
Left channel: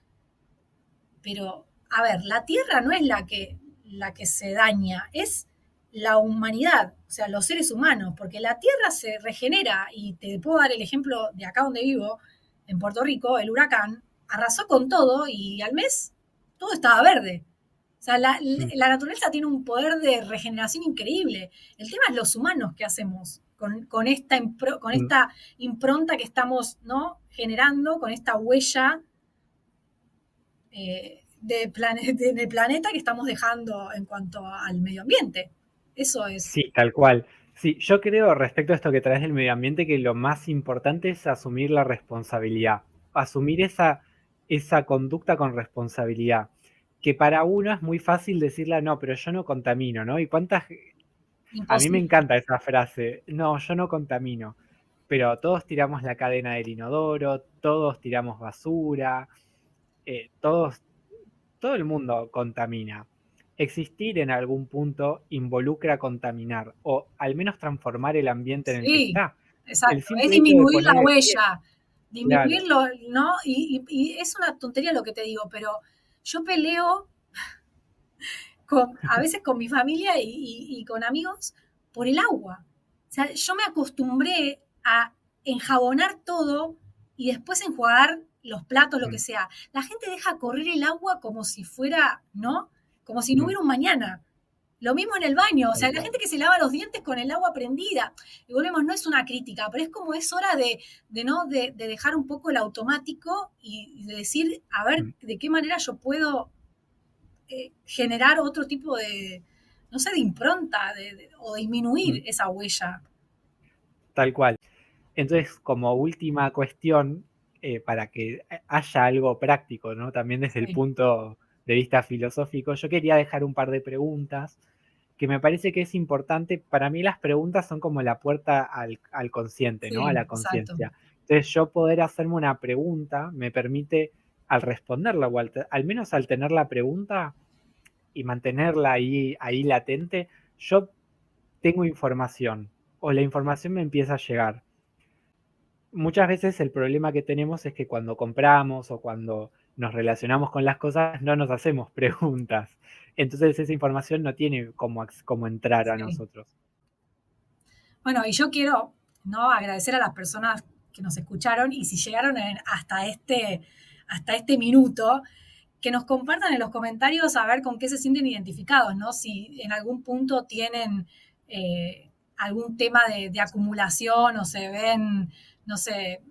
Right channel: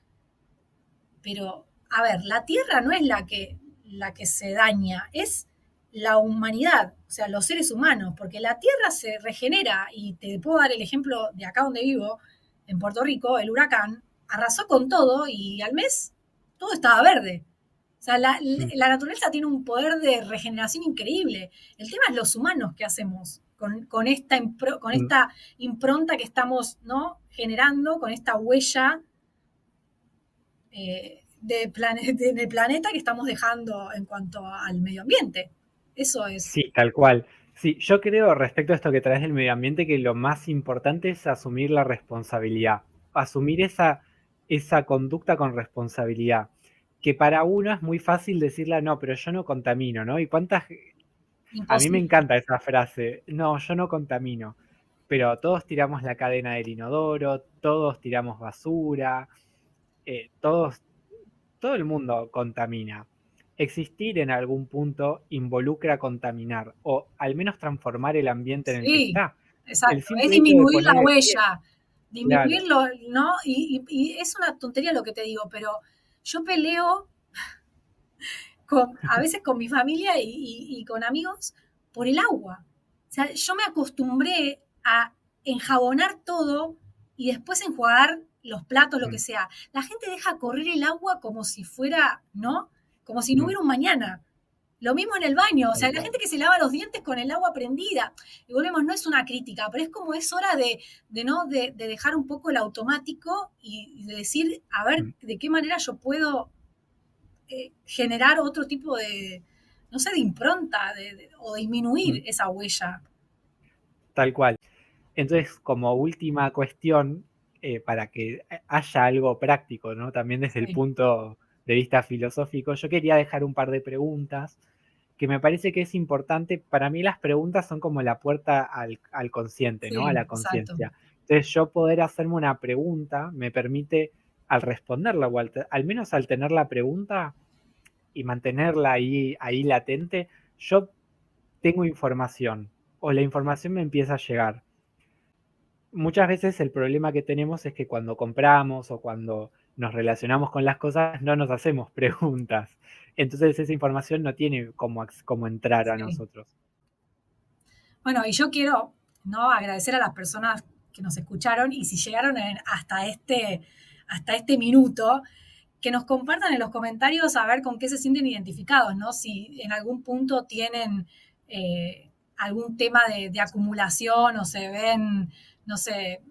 Pero, a ver, la Tierra no es la que se daña, es la humanidad, o sea, los seres humanos, porque la Tierra se regenera, y te puedo dar el ejemplo de acá donde vivo, en Puerto Rico, el huracán arrasó con todo y al mes todo estaba verde. O sea, Mm. la naturaleza tiene un poder de regeneración increíble. El tema es los humanos que hacemos con Mm. esta impronta que estamos, ¿no?, generando, con esta huella del planeta que estamos dejando en cuanto al medio ambiente. Eso es. Sí, tal cual. Sí, yo creo respecto a esto que traes del medio ambiente que lo más importante es asumir la responsabilidad, asumir esa conducta con responsabilidad, que para uno es muy fácil decirla, no, pero yo no contamino, ¿no? Y cuántas, a mí me Imposible. encanta esa frase, no, yo no contamino, pero todos tiramos la cadena del inodoro, todos tiramos basura, todos todo el mundo contamina. Existir en algún punto involucra contaminar o al menos transformar el ambiente en el que Sí, está. El exacto. Es simple hecho de disminuir la poner el pie, huella, claro. disminuirlo, ¿no? Y es una tontería lo que te digo, pero yo peleo a veces con mi familia y con amigos por el agua. O sea, yo me acostumbré a enjabonar todo y después enjuagar los platos, lo Mm, que sea. La gente deja correr el agua como si fuera, ¿no? Como si no mm, hubiera un mañana. Lo mismo en el baño, o tal sea, la cual. gente que se lava los dientes con el agua prendida. Y volvemos, no es una crítica, pero es como es hora ¿no? De dejar un poco el automático y de decir, a ver, Mm, de qué manera yo puedo generar otro tipo de, no sé, de impronta o disminuir mm, esa huella. tal cual. Entonces, como última cuestión, para que haya algo práctico, ¿no? También desde el Sí, punto de vista filosófico, yo quería dejar un par de preguntas que me parece que es importante. Para mí las preguntas son como la puerta al consciente, ¿no? A sí, la exacto. conciencia. Entonces yo poder hacerme una pregunta me permite al responderla o al menos al tener la pregunta y mantenerla ahí latente, yo tengo información o la información me empieza a llegar. Muchas veces el problema que tenemos es que cuando compramos o cuando nos relacionamos con las cosas no nos hacemos preguntas. Entonces esa información no tiene cómo entrar a Sí. nosotros. Bueno, y yo quiero, ¿no?, agradecer a las personas que nos escucharon y si llegaron hasta este minuto, que nos compartan en los comentarios a ver con qué se sienten identificados, ¿no? Si en algún punto tienen algún tema de acumulación o se ven, no sé,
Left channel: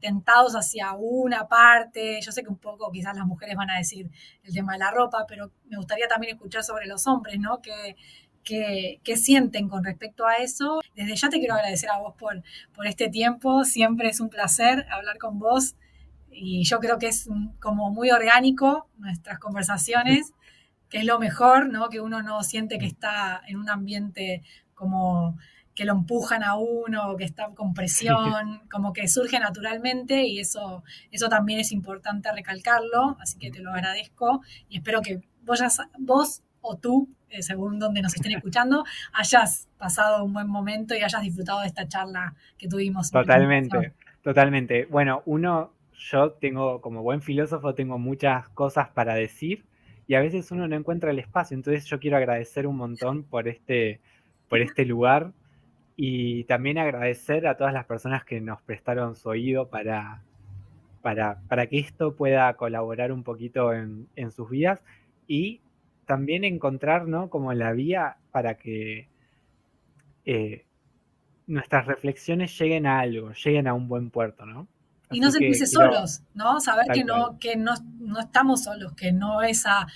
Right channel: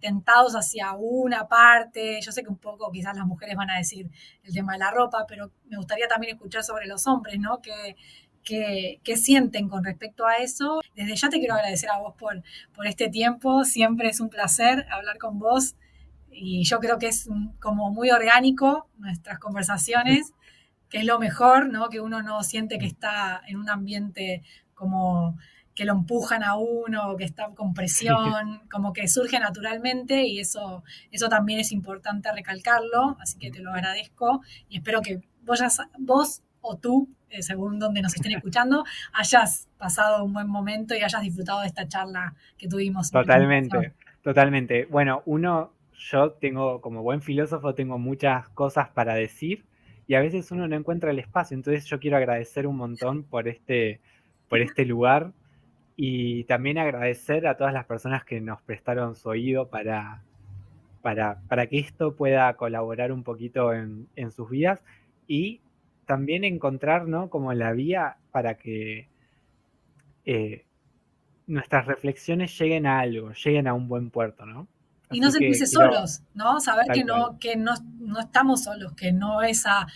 tentados hacia una parte. Yo sé que un poco quizás las mujeres van a decir el tema de la ropa, pero me gustaría también escuchar sobre los hombres, ¿no? ¿Qué sienten con respecto a eso? Desde ya te quiero agradecer a vos por este tiempo. Siempre es un placer hablar con vos y yo creo que es como muy orgánico nuestras conversaciones, que es lo mejor, ¿no? Que uno no siente que está en un ambiente como que lo empujan a uno, que está con Sí, presión, como que surge naturalmente y eso también es importante recalcarlo, así que te lo agradezco y espero que vos o tú, según donde nos estén escuchando, hayas pasado un buen momento y hayas disfrutado de esta charla que tuvimos en esta ocasión. totalmente, totalmente. Bueno, yo tengo, como buen filósofo, tengo muchas cosas para decir y a veces uno no encuentra el espacio. Entonces yo quiero agradecer un montón por este lugar y también agradecer a todas las personas que nos prestaron su oído para que esto pueda colaborar un poquito en sus vidas y también encontrar, ¿no? Como la vía para que eh, nuestras reflexiones lleguen a algo, lleguen a un buen puerto, ¿no? Y no Así que sentirse quiero, solos, ¿no? Saber tal cual. que no estamos solos, que no es a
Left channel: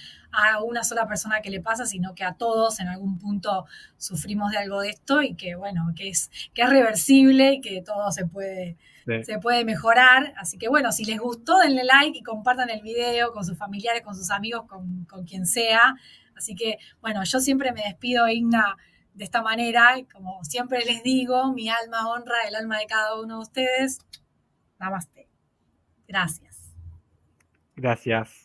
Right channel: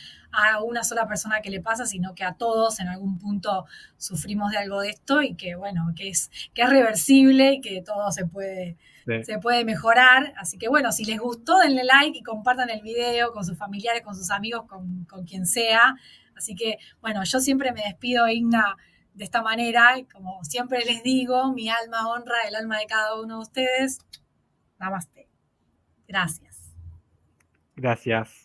una sola persona que le pasa, sino que a todos en algún punto sufrimos de algo de esto y que, bueno, que es reversible y que todo Sí. se puede mejorar. Así que, bueno, si les gustó, denle like y compartan el video con sus familiares, con sus amigos, con quien sea. Así que, bueno, yo siempre me despido, Igna, de esta manera, como siempre les digo, mi alma honra el alma de cada uno de ustedes. Namaste. Gracias. Gracias.